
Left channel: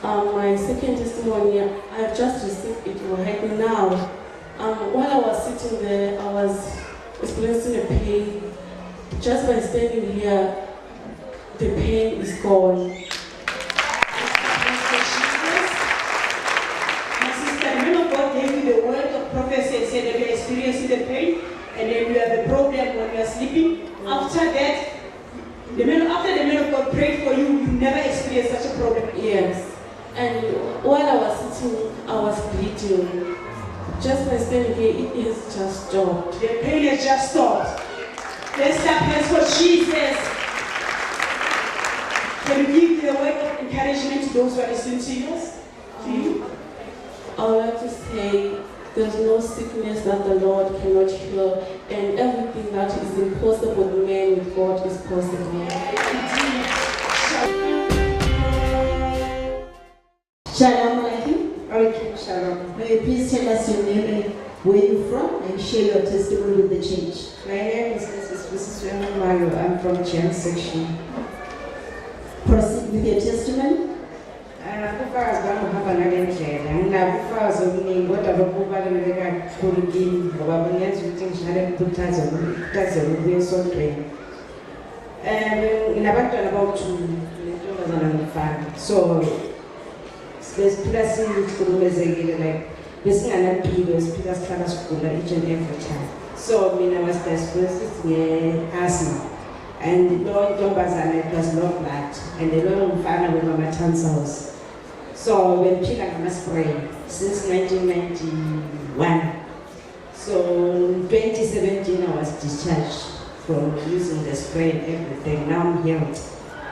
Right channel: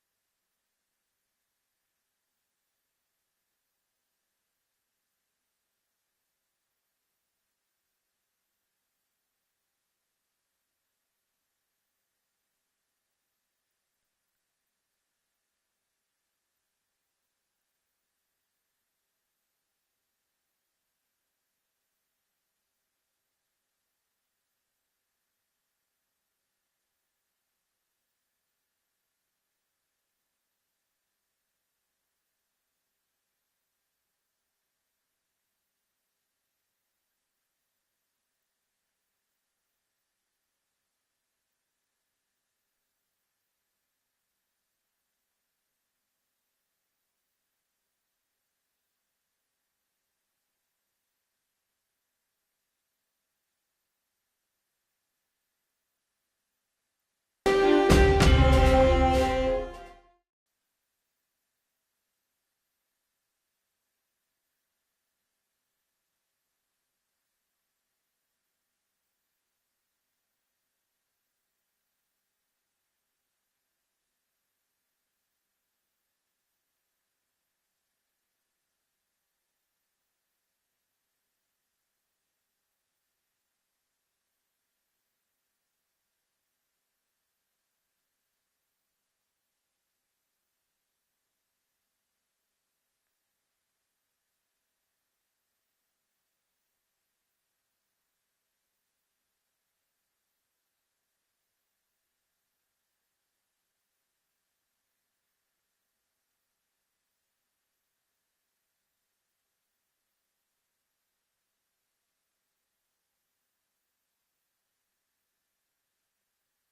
My second testimony, I've just received it right now. While I was sitting there, I was experiencing a pain. Just by standing here, the pain is gone. My sister, the man of God gave you the word of prophecy and said that you're experiencing the pain, and then you have a problem when you are sleeping. After that, the man of God prayed for you, you never experienced such a problem. Yes. And while I was sitting, I was bleeding. Just by standing here, it has just stopped. The pain has just stopped. Let's clap hands for Jesus. Can you give the word of encouragement to those who are listening to you? I would like to say, there's no sickness that the Lord cannot heal, and everything that is impossible with man, with God is possible. Shalom Alaikum. Alaikum Shalom. May you please tell us your name and where you're from and and share your testimony with the church. My name is Mrs. Mario. I'm from Gen section. Proceed with your testimony. Kufazi bangihamba ngale ndlela nginabufazi obuningi kodwa lokhu kubaluleke kakhulu kimi ngoba bungenza ukuthi ngihlale ngikhuthazele ukuya esontweni. Nginabantwana abawu-2 nentombazana nomfana, so besiphila sihlukumezekile, like besinganampilo, siphila sihlala sigula each and every time. So mina was diagnosed nge-asthma, and lo ntombazana it was low blood, and lo mfana wema tonsils. So bengiphila ngama-spray since 1991. So in 2017 I was discharged from using the spray and everything. Now I'm healed.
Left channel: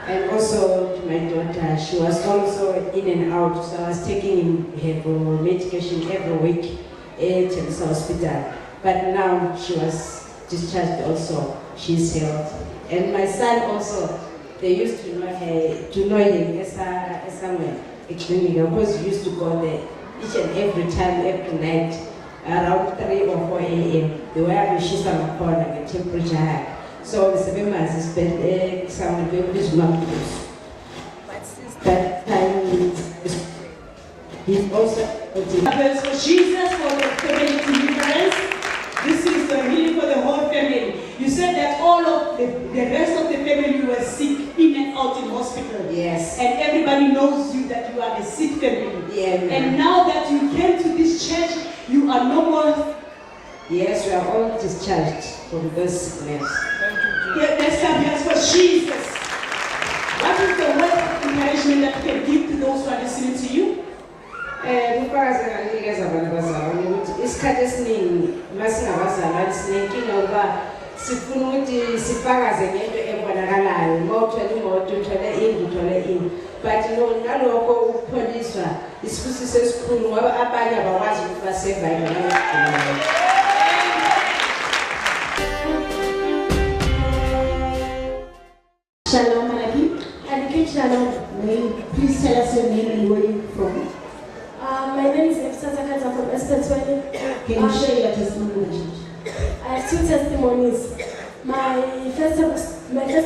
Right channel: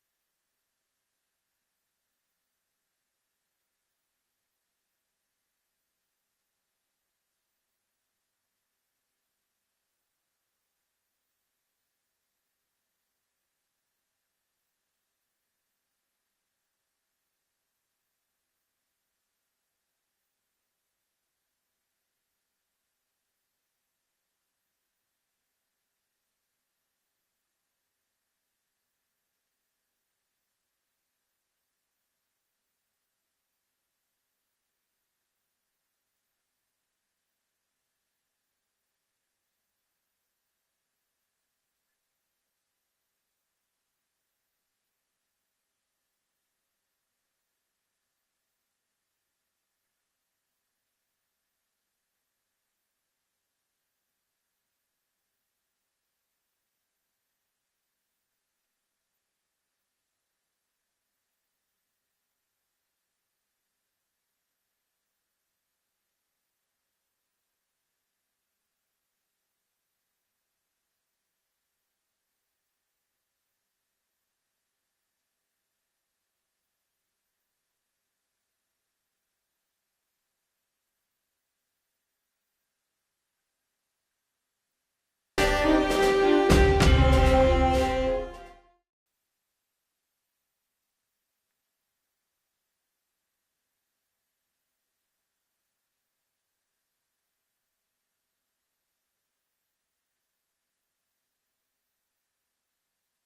And also my daughter, she was also in and out, so I was taking her for medication every week at the hospital. But now she was discharged also. She's healed. And my son also, they used to know him as somewhere. Actually, because we used to go there each and every time, every night, around 3 or 4 a.m. They were having shisa makona, the temperature high. So the 7 months is spent some very small. But since that time, he's also Praise for Jesus for the family deliverance. This is the healing for the whole family. You said that all of the rest of the family were sick in and out in hospital. Yes. And everybody knows you that you are a sick family. Yeah. And now that you came to this church, you are no more. Yes, we are all discharged from this sickness. Let's clap hands for Jesus. What is the word of encouragement that you can give to those who are listening to you? Isikhathi esiningi masingabazalwane sinenkinga ukuba sifuna ukuthi sifakaze ngento ebonakalayo, uma uthole imoto uthole indlu uthole indlu, but nalokho ukupholiswa isifusiso esikhulu ngoba abanye abakwazi ukuthi basurvive ngalokho. Shalom, Malaki. Advocate Shalom. Please tell us your name and where you're from. My name is Efsata from Estetweni. Can you share your testimony with the church? I have 2 testimonies. My first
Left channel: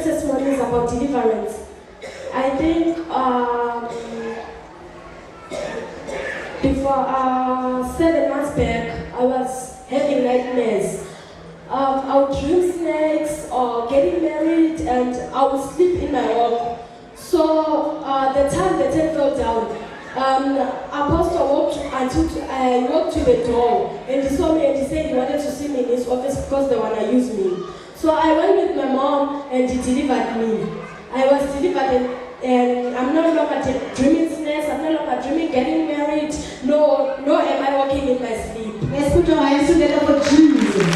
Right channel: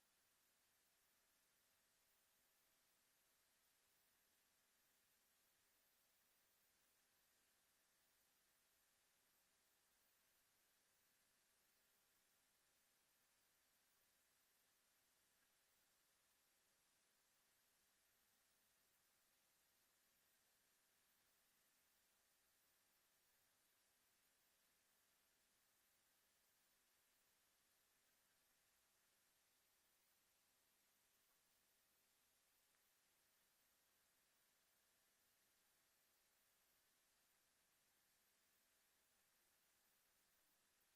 testimony is about deliverance. I think before 7 months back, I was having nightmares. I would dream snakes or getting married, and I would sleep in my home. So the time the tent fell down, Apostle walked to the door, and he saw me and he said he wanted to see me in his office because they want to use me. So I went with my mom and he delivered me. I was delivered and I'm no longer dreaming snakes, I'm no longer dreaming getting married, no am I walking in my sleep. Let's put our hands together for Jesus.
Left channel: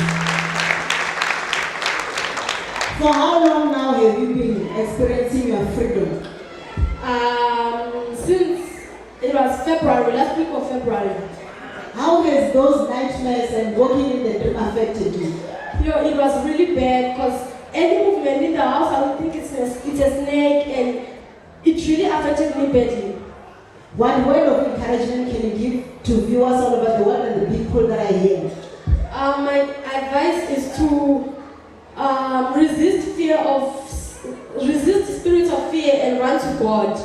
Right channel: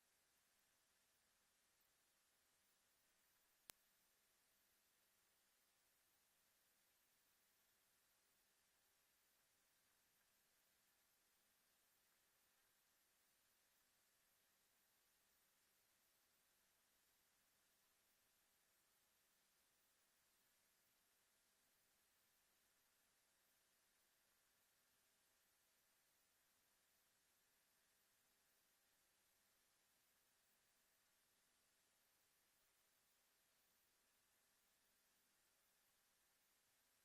For how long now have you been experiencing your freedom? Since it was February, last week of February. How has those nightmares and walking in the dream affected you? It was really bad because any movement in the house, I would think it's a snake, and it really affected me badly. What word of encouragement can you give to viewers all over the world and the people that are here? My advice is to resist the spirit of fear and run to God.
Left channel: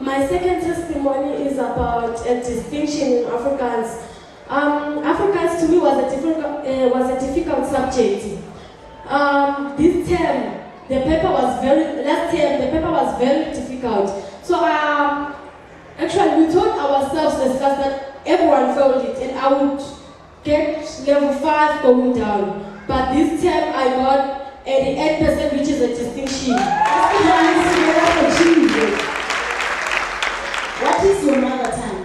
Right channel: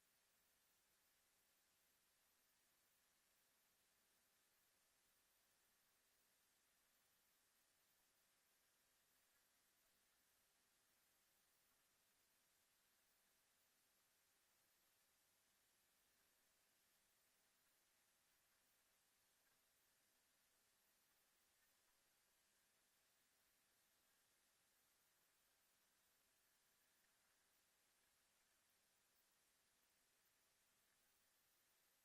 My second testimony is about a distinction in Afrikaans. Afrikaans to me was a difficult subject. This term, last term, the paper was very difficult. So actually we told ourselves as class that everyone failed it, and I would get level 5 going down. But this term I got 88%, which is a distinction. What is your mother tongue?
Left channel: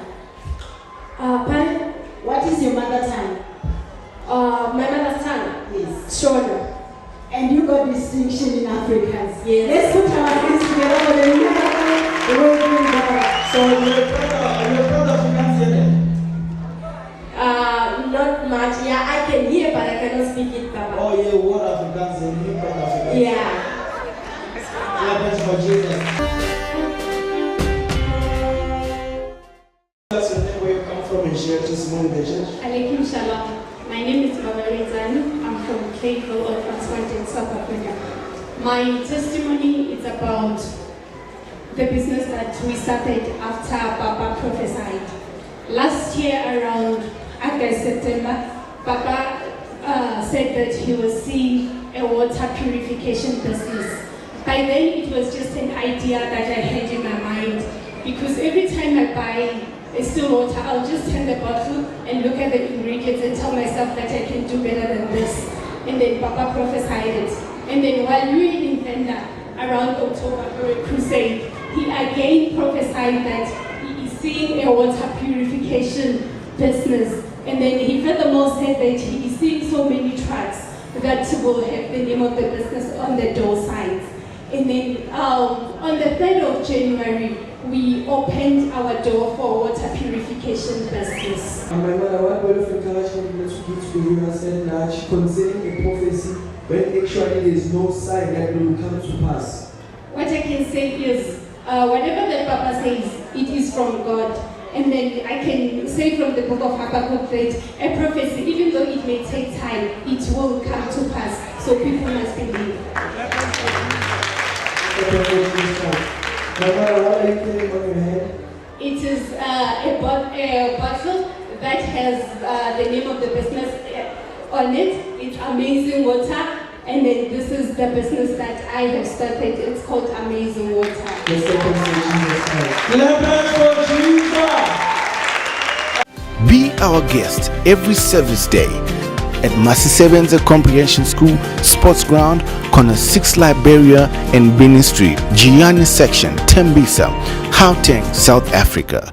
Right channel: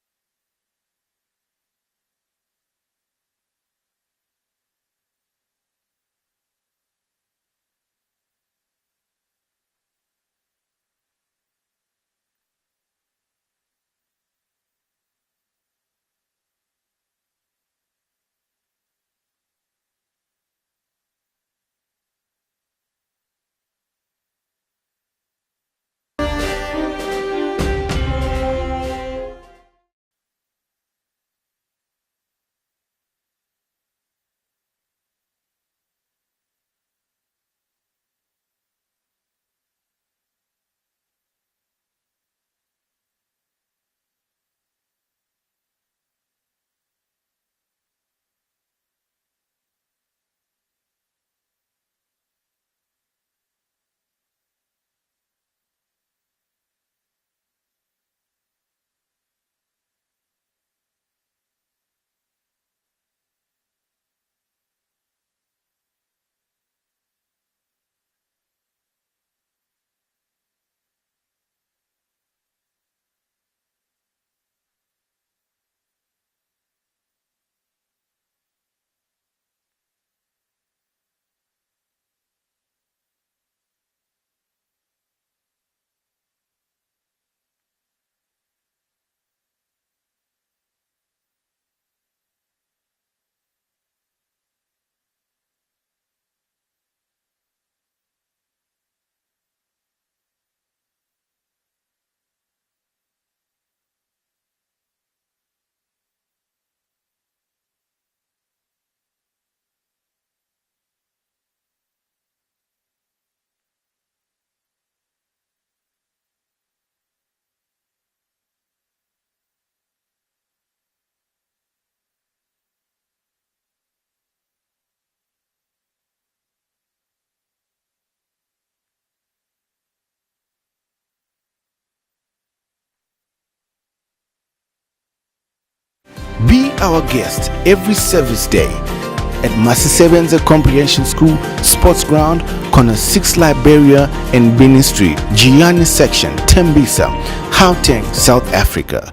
Pardon? What is your mother tongue? My mother tongue? Yes. Shona. And you got distinction in Afrikaans. Yes. Let's put our hands together for the miracle. So you're proud of Afrikaans? Not much. Yeah, I can hear, but I cannot speak it, Papa. Oh yeah, what Afrikaans and you proud of Afrikaans? Yeah. Clap hands for Jesus. share testimony with the church. Alaikum Shalom. My name is Machavi. I'm from Clayville, Orphan's in South Africa. My testimony is about the business that we started after Papa prophesied. Last year around August, September, Papa said that he was seeing a water purification business. By then it was just an idea that I had in my mind, because every time I buy a still water, I'll just turn the bottle and look at the ingredients and tell myself that I can do better than this. And then Papa prophesied it. And then while we were in Venda around October for a crusade, he again prophesied that he is seeing a water purification business. And then he furthermore said that he is seeing so many trucks that will have the name of the business on the door signs. And then on the 3rd of January, we opened our door for water purification business. And my mother, what word of encouragement that she gives to you has said that concerning a prophecy when actually there is no sign that will come to pass. What I can say is, whatever the Papa says, it is from God. And then I can say from the book of Habakkuk that a prophecy, even though it may take time, it will come to pass. So people must believe. My mother, what are you carrying on your head? It is a bottle that has the name of the business on it. It's Amazing Water. And then this is the business that I have started. It's called Amazing Water. Be our guest every service day at Machavi Comprehension School, Sports Ground, Corner 6 Liberia and Benin Street, Gianni Section, Tembisa, Gauteng, South Africa.